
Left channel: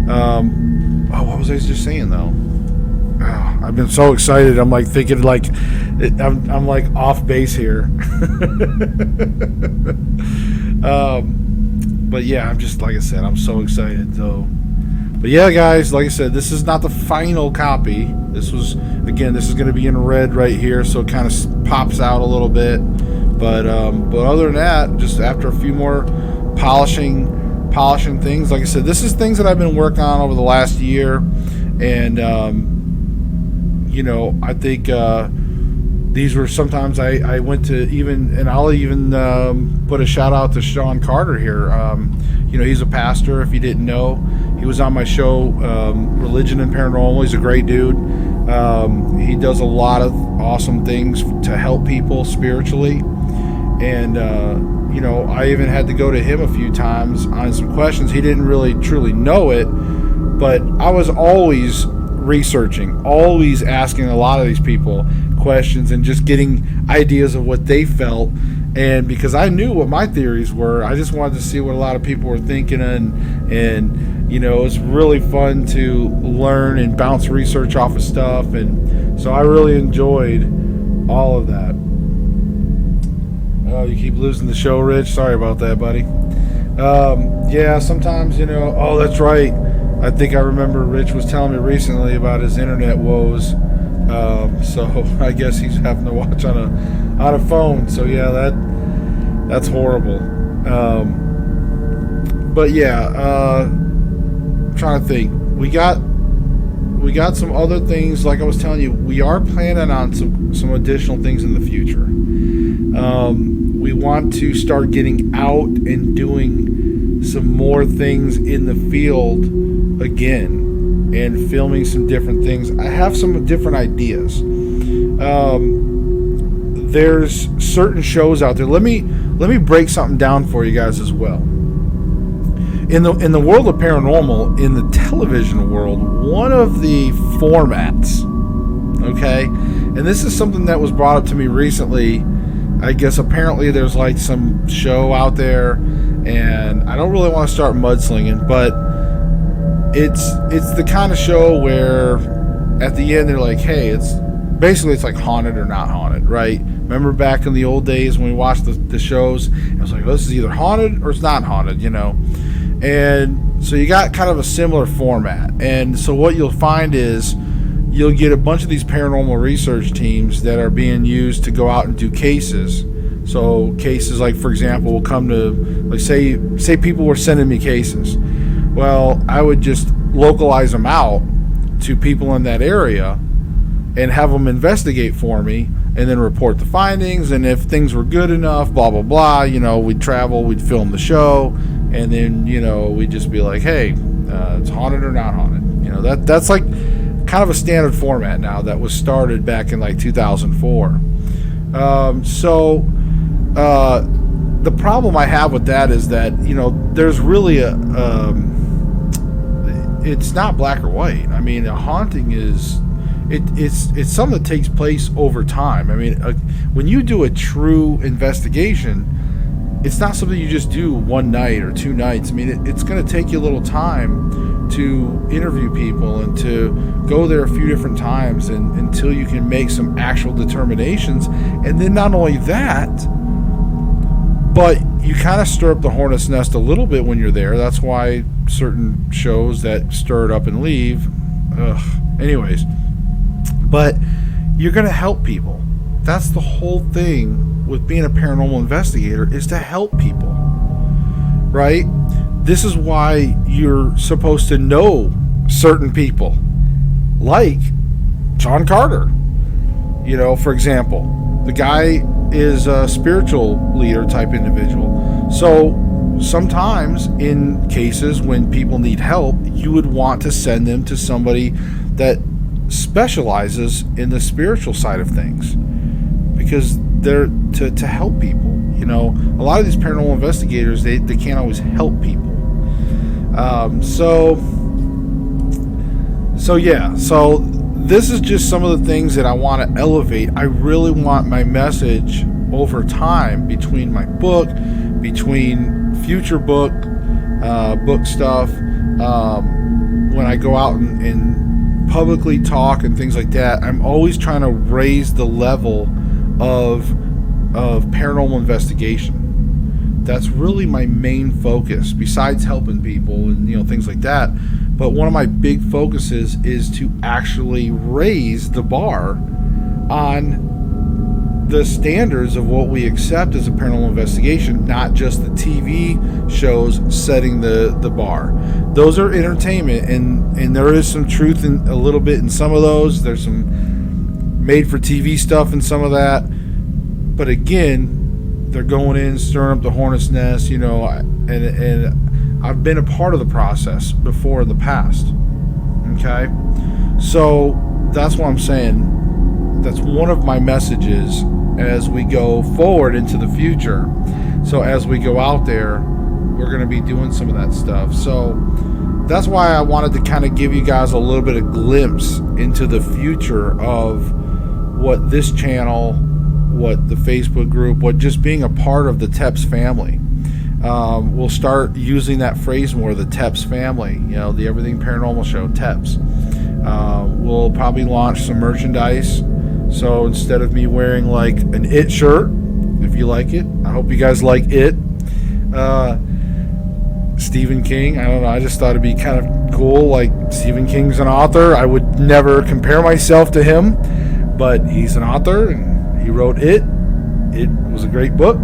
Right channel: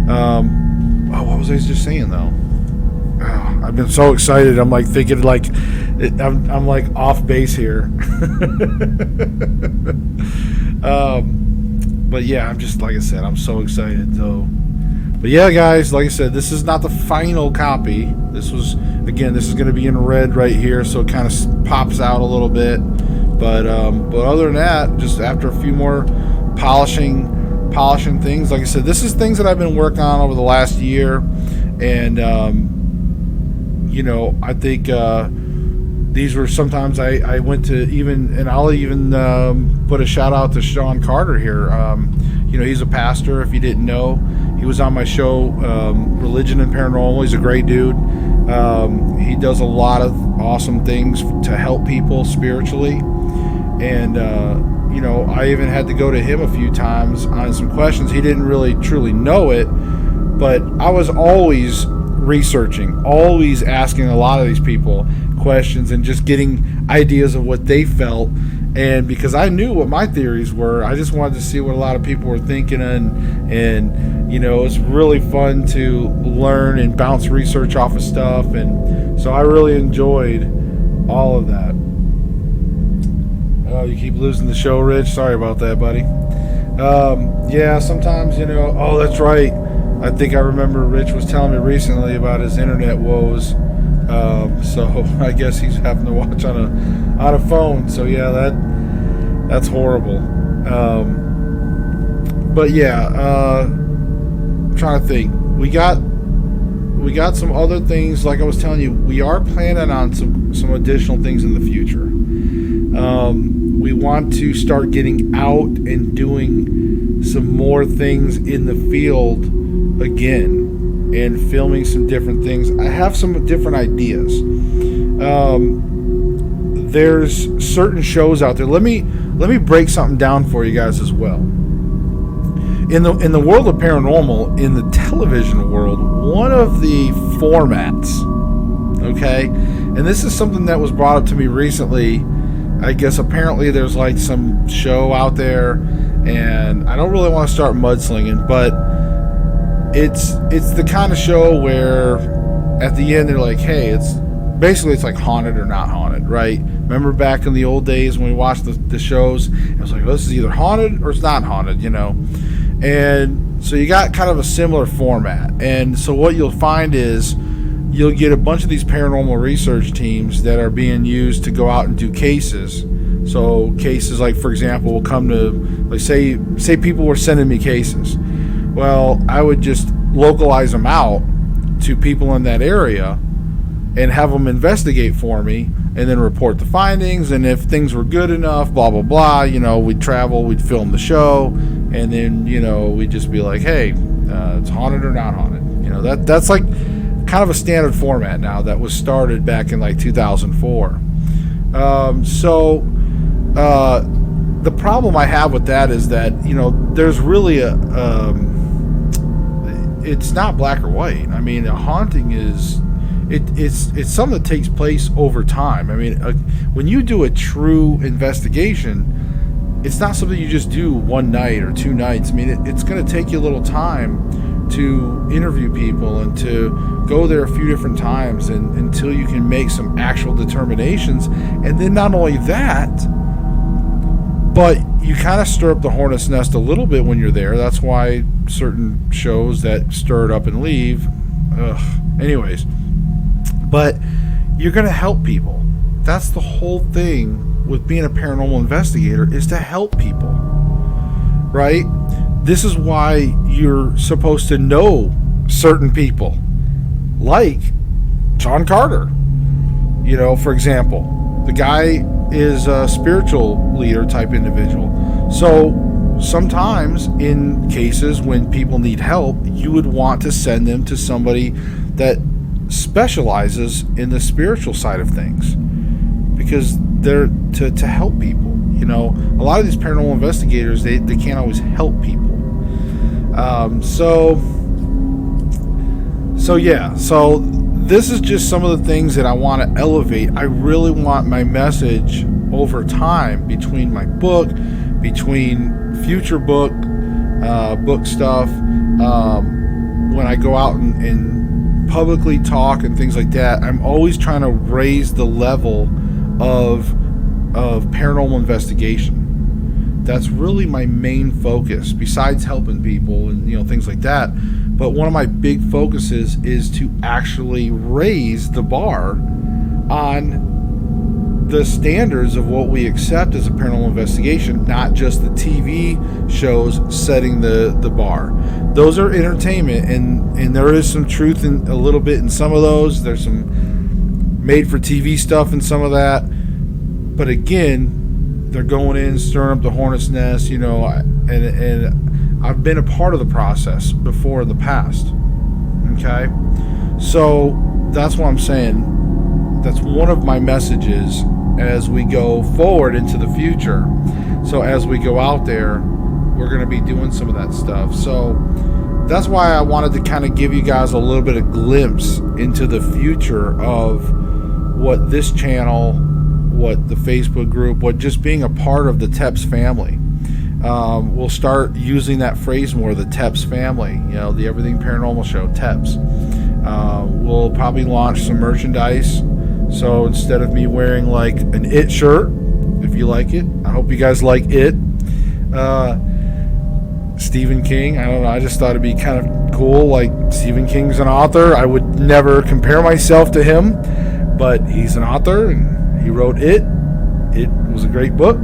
What was I just saying though? I've been so excited. I'm like thinking like I'm like off base here. But yeah, I'm just, like I said, I'm so excited. So, but yeah, guys, like I said, this is not the final copy. This is going to be in red right here, so it kind of pops out a little bit. But other than that, just after a few more polishing things, like I said, this is things that I've been working on over the last year, and I think these were sometimes I went to even, and I'll even put a shout out to Sean Carter here. He's a pastor. If you didn't know, he was on my show, Religion and Paranormal. He's a great dude. He does a lot of awesome things to help people spiritually, and I even had to go to him a few times on some questions. He didn't really truly know it, but I was always researching, always asking a lot of these people questions and just getting ideas of what they felt. And because I knew what my theories were, I just wanted to see what a lot of people were thinking, and it was really fun to learn and bounce research off of stuff, and so I really enjoyed all of that. Oh, you keep losing the show, Rich. Sorry about that, buddy. Yeah, sometimes, oh, that's right. I think I remember Rich was telling me recently about his internet woes. So I guess he's having to watch on a phone. So yeah, that's horrible. But yeah, I'm trying to think. We got some other things. Like I was telling you, we are planning on some additional things in the future. We want to start getting out and doing some more things in the field again, and filming some different things. I have some different ideas. There's certain shows out there. Let me break something down for you guys as well. In the world of paranormal, in the television world, one of the formats, okay, And this is something that was brought up to me recently. I guess apparently there's like some show out there, and I don't really want to start mudslinging, but it's the kind of show where at the end they're like, hey, it's like haunted or not haunted, right? Remember back in the old days when we watched the shows, it was like, oh, this is either haunted or it's not haunted, And so you got kind of a similar format. And so what you'll find is you'll get a bunch of these paranormal research teams that are being used to go out and do cases. So cases like, for example, will come to, like, say people were sending me cases. Well, I would just localize them out to people in that area and have them investigate for me and then report the findings. And if things were good enough, blah, blah, blah, we'd travel, we'd film the show, and then, we'd just be like, hey, it's haunted or not haunted. That's like kind of a standard format now that was started back in like 2004. The problem I have with that is that, there's really it's not black or white. I mean, a haunting is, it's something that takes place over time. I mean, when you do a true investigation, it's not something you just do one night or 2 nights. I mean, it's going to take you a little time to interview people and to go there a few different times until you can make some actual determinations. And then not only that, but you kind of stir up the hornet's nest a little bit when you're there. That's why certain shows that stir it up and leave. Anyways, but you're going to help people. That's the whole thing with being a paranormal investigator, is to help people, right? This is why you're supposed to know certain people, like John Carter. For example, the guy is a spiritual leader type individual. So sometimes in cases when people need help, you would want to send them to somebody that specializes in the spiritual side of things, because they're to help people. A lot of these paranormal investigators, they can't always help people. So this is just some of the things that I want to elevate. I really want my message over time, between my book, between future book stuff, when I go out and publicly talk and things like that, I'm always trying to raise the level of paranormal investigation. That's really my main focus, besides helping people and things like that. But one of my big focuses is to actually raise the bar on the standards of what we accept as a paranormal investigation, not just the TV shows setting the bar. Those are entertainment, and there is some truth in a little bit in some of those. There's some made for TV stuff in some of that. But again, they're going in, stirring up the hornet's nest, and I've been a part of the process before in the past. Okay? So that's what I'm saying. That's one of my messages as we go forward into the future. So as we go out there, we're going to be doing some of that stuff. So that's why I wanted to kind of give you guys a little bit of glimpse into the future of what this channel, what the Facebook group, what just being a part of the TEPS family. We'll start using that phrase more, the TEPS family, the Everything Paranormal Show, TEPS. We'll probably launch some merchandise. So instead of me wearing like an IT shirt, if you like it, I hope you guys like it. Stephen King, I don't know, I just thought it'd be kind of cool. Like, Stephen King's an author. I would never compare myself to him, but he's an author and he wrote it. It was a great book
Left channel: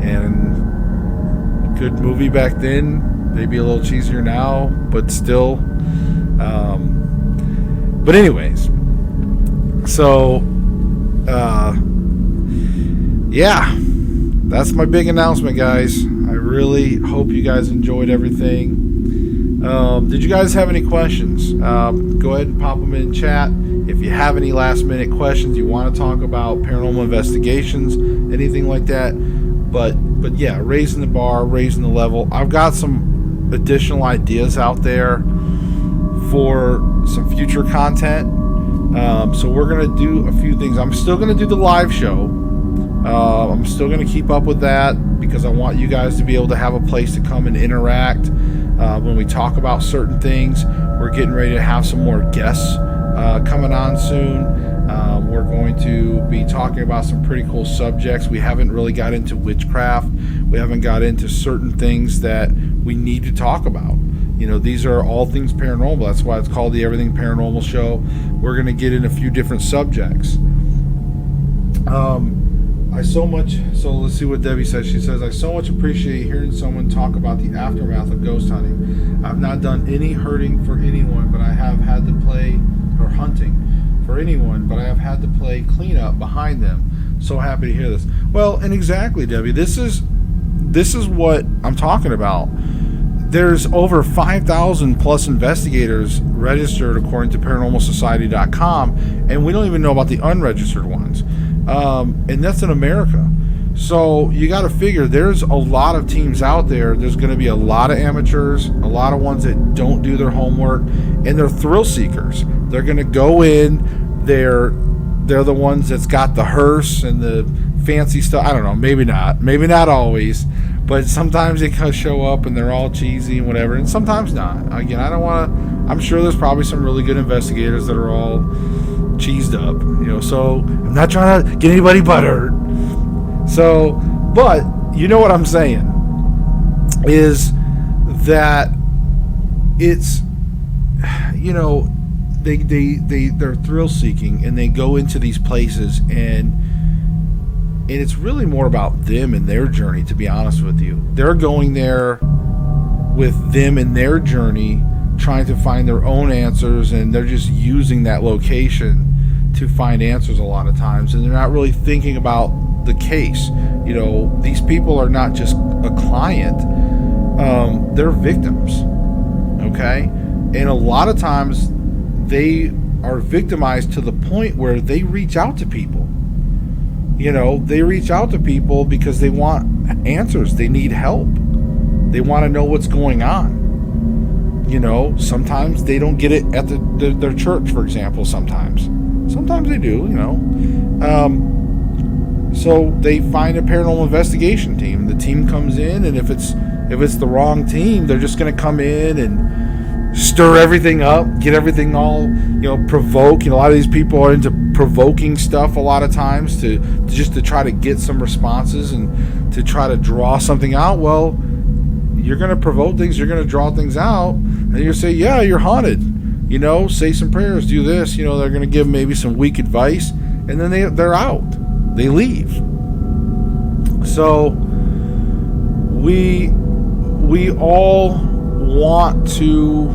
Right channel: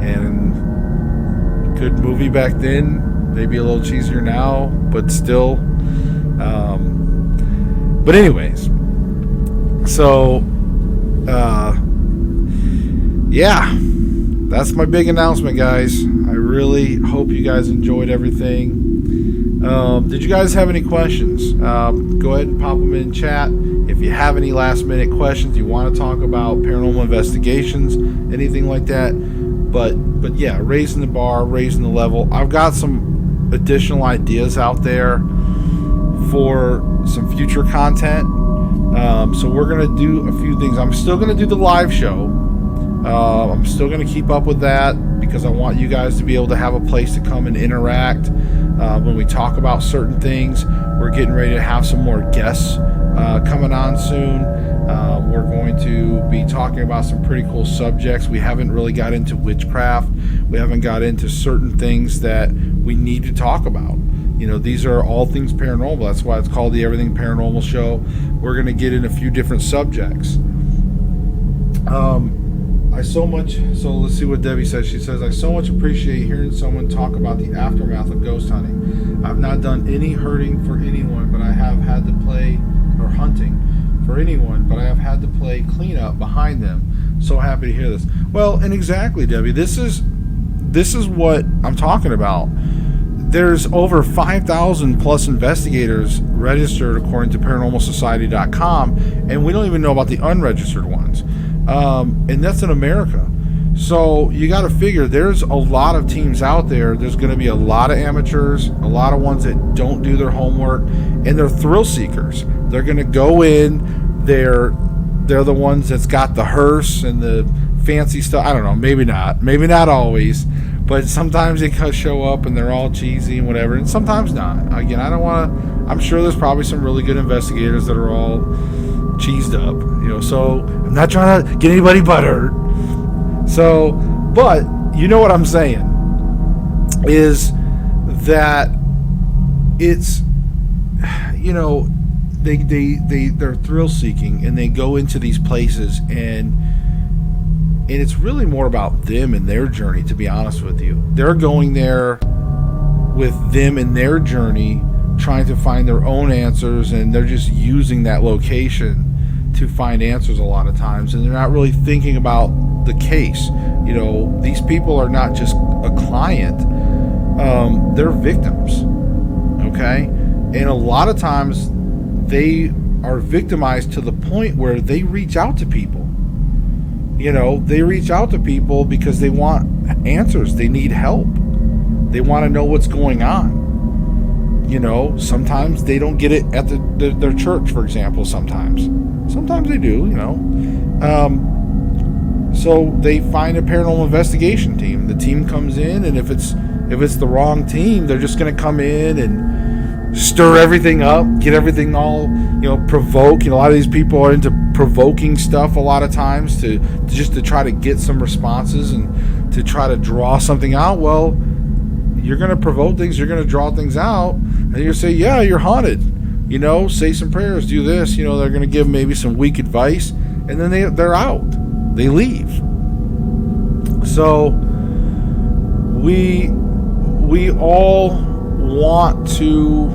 and good movie back then. Maybe a little cheesier now, but still. But anyways, so yeah, that's my big announcement, guys. I really hope you guys enjoyed everything. Did you guys have any questions? Go ahead and pop them in chat. If you have any last minute questions, you want to talk about paranormal investigations, anything like that. But yeah, raising the bar, raising the level. I've got some additional ideas out there for some future content, So we're going to do a few things. I'm still going to do the live show. I'm still going to keep up with that because I want you guys to be able to have a place to come and interact when we talk about certain things. We're getting ready to have some more guests coming on soon. We're going to be talking about some pretty cool subjects. We haven't really got into witchcraft. We haven't got into certain things that we need to talk about. You know, these are all things paranormal. That's why it's called the Everything Paranormal Show. We're going to get in a few different subjects. So let's see what Debbie says. She says, I so much appreciate hearing someone talk about the aftermath of ghost hunting. I've not done any hurting for anyone, but I have had to play, or hunting for anyone, but I have had to play cleanup behind them. So happy to hear this. Well, and exactly, Debbie, this is what I'm talking about. There's over 5,000 plus investigators registered according to ParanormalSociety.com, and we don't even know about the unregistered ones. And that's in America. So you got to figure there's a lot of teams out there. There's going to be a lot of amateurs, a lot of ones that don't do their homework, and they're thrill seekers. They're going to go in. They're the ones that's got the hearse and the fancy stuff. I don't know. Maybe not always. But sometimes they kind of show up and they're all cheesy and whatever, and sometimes not. Again, I don't want to. I'm sure there's probably some really good investigators that are all cheesed up, you know. So I'm not trying to get anybody butthurt. So, but you know what I'm saying is that it's, you know, they're thrill seeking and they go into these places and it's really more about them and their journey, to be honest with you. They're going there with them and their journey, trying to find their own answers, and they're just using that location to find answers a lot of times, and they're not really thinking about the case. You know, these people are not just a client, they're victims, okay? And a lot of times they are victimized to the point where they reach out to people. You know, they reach out to people because they want answers. They need help. They want to know what's going on. You know, sometimes they don't get it at their church, for example, sometimes they do, you know. So they find a paranormal investigation team. The team comes in, and if it's the wrong team, they're just going to come in and stir everything up, get everything all, you know, provoke. You know, a lot of these people are into provoking stuff a lot of times to try to get some responses and to try to draw something out. Well, you're going to provoke things, you're going to draw things out, and you're say, yeah, you're haunted. You know, say some prayers, do this. You know, they're going to give maybe some weak advice, and then they're out. They leave. So we all want to,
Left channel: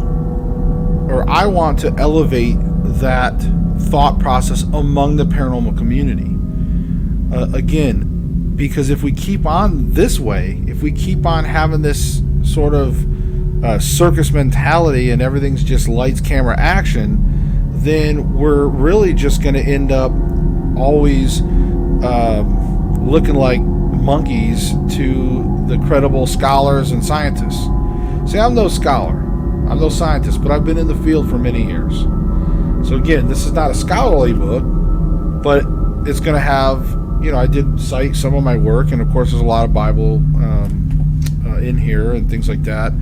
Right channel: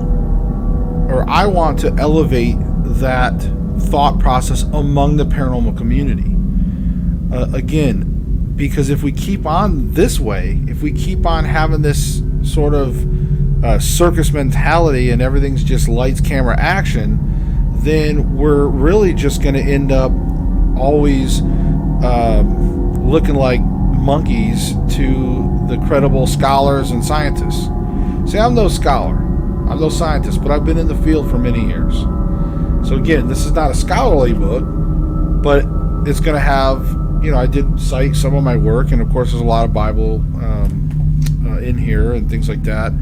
or I want to elevate that thought process among the paranormal community. Again, because if we keep on this way, if we keep on having this sort of circus mentality and everything's just lights, camera, action, then we're really just going to end up always looking like monkeys to the credible scholars and scientists. See, I'm no scholar, I'm no scientist, but I've been in the field for many years. So again, this is not a scholarly book, but it's going to have, you know, I did cite some of my work, and of course there's a lot of Bible in here and things like that.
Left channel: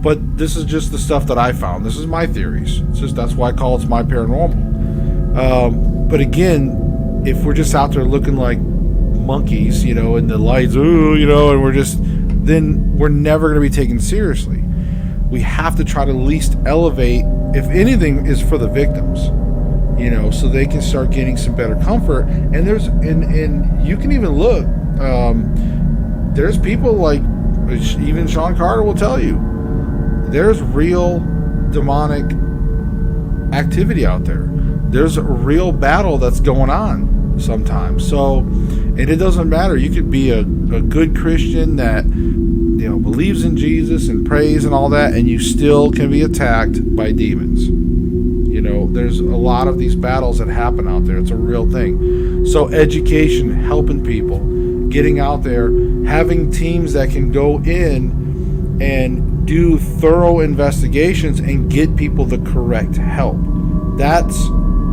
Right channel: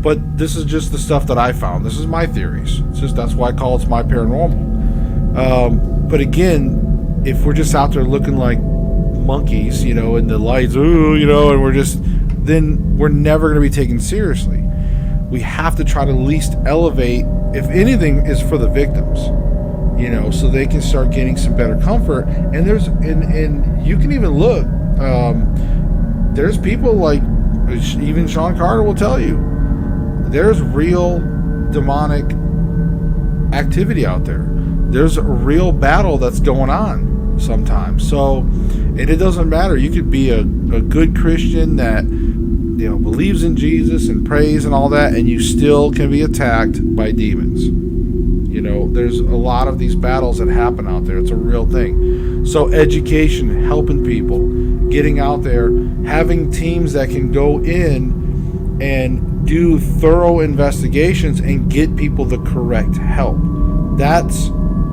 But this is just the stuff that I found. This is my theories. It's just, that's why I call it my paranormal. But again, if we're just out there looking like monkeys, you know, and the lights, ooh, you know, and then we're never going to be taken seriously. We have to try to at least elevate, if anything, is for the victims, you know, so they can start getting some better comfort. And and you can even look, there's people like, even Sean Carter will tell you, there's real demonic activity out there. There's a real battle that's going on sometimes. So, and it doesn't matter. You could be a good Christian that, you know, believes in Jesus and prays and all that, and you still can be attacked by demons. You know, there's a lot of these battles that happen out there. It's a real thing. So education, helping people, getting out there, having teams that can go in and do thorough investigations and get people the correct help. That's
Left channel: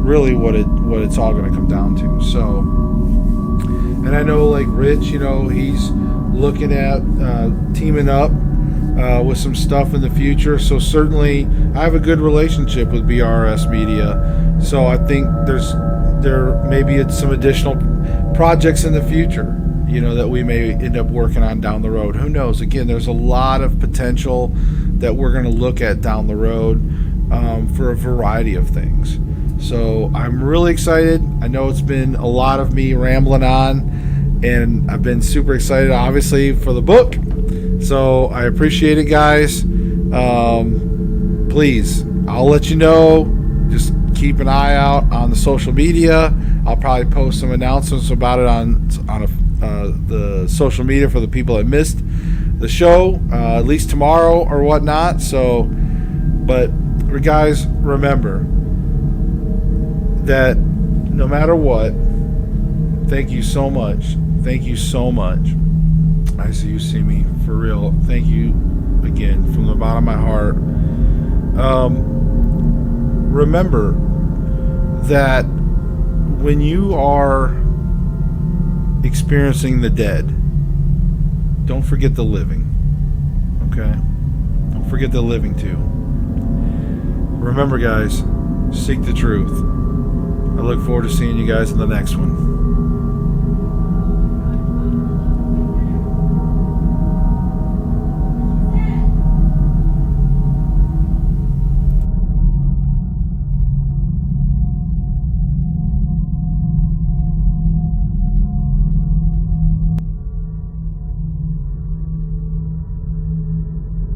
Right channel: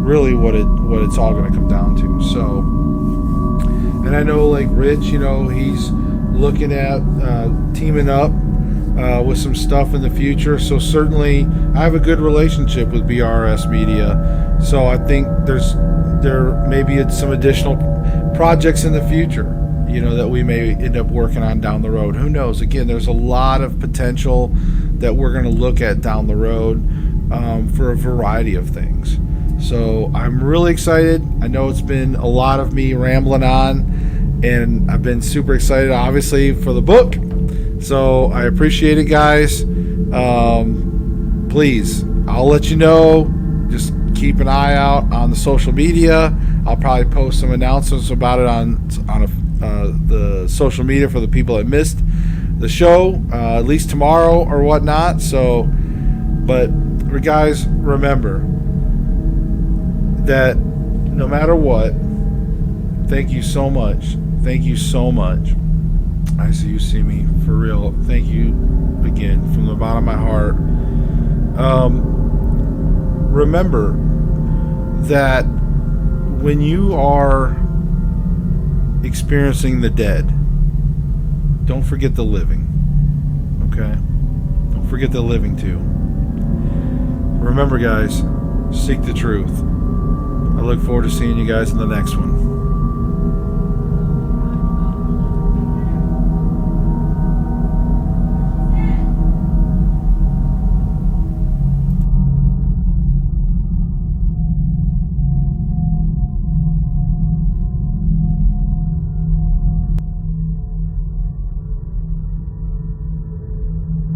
really what it's all going to come down to. So, and I know like Rich, you know, he's looking at teaming up with some stuff in the future. So certainly I have a good relationship with BRS Media. So I think there may be some additional projects in the future, you know, that we may end up working on down the road. Who knows? Again, there's a lot of potential that we're going to look at down the road for a variety of things. So I'm really excited. I know it's been a lot of me rambling on, and I've been super excited, obviously, for the book. So I appreciate it, guys. Please, I'll let you know. Just keep an eye out on the social media. I'll probably post some announcements about it on the social media for the people that missed the show, at least tomorrow or whatnot. So, but guys, remember that no matter what, thank you so much. Thank you so much. I see you see me for real. Thank you again from the bottom of my heart. Remember that when you are experiencing the dead, don't forget the living. Okay? Don't forget the living too. Remember, guys, seek the truth. I look forward to seeing you guys in the next one.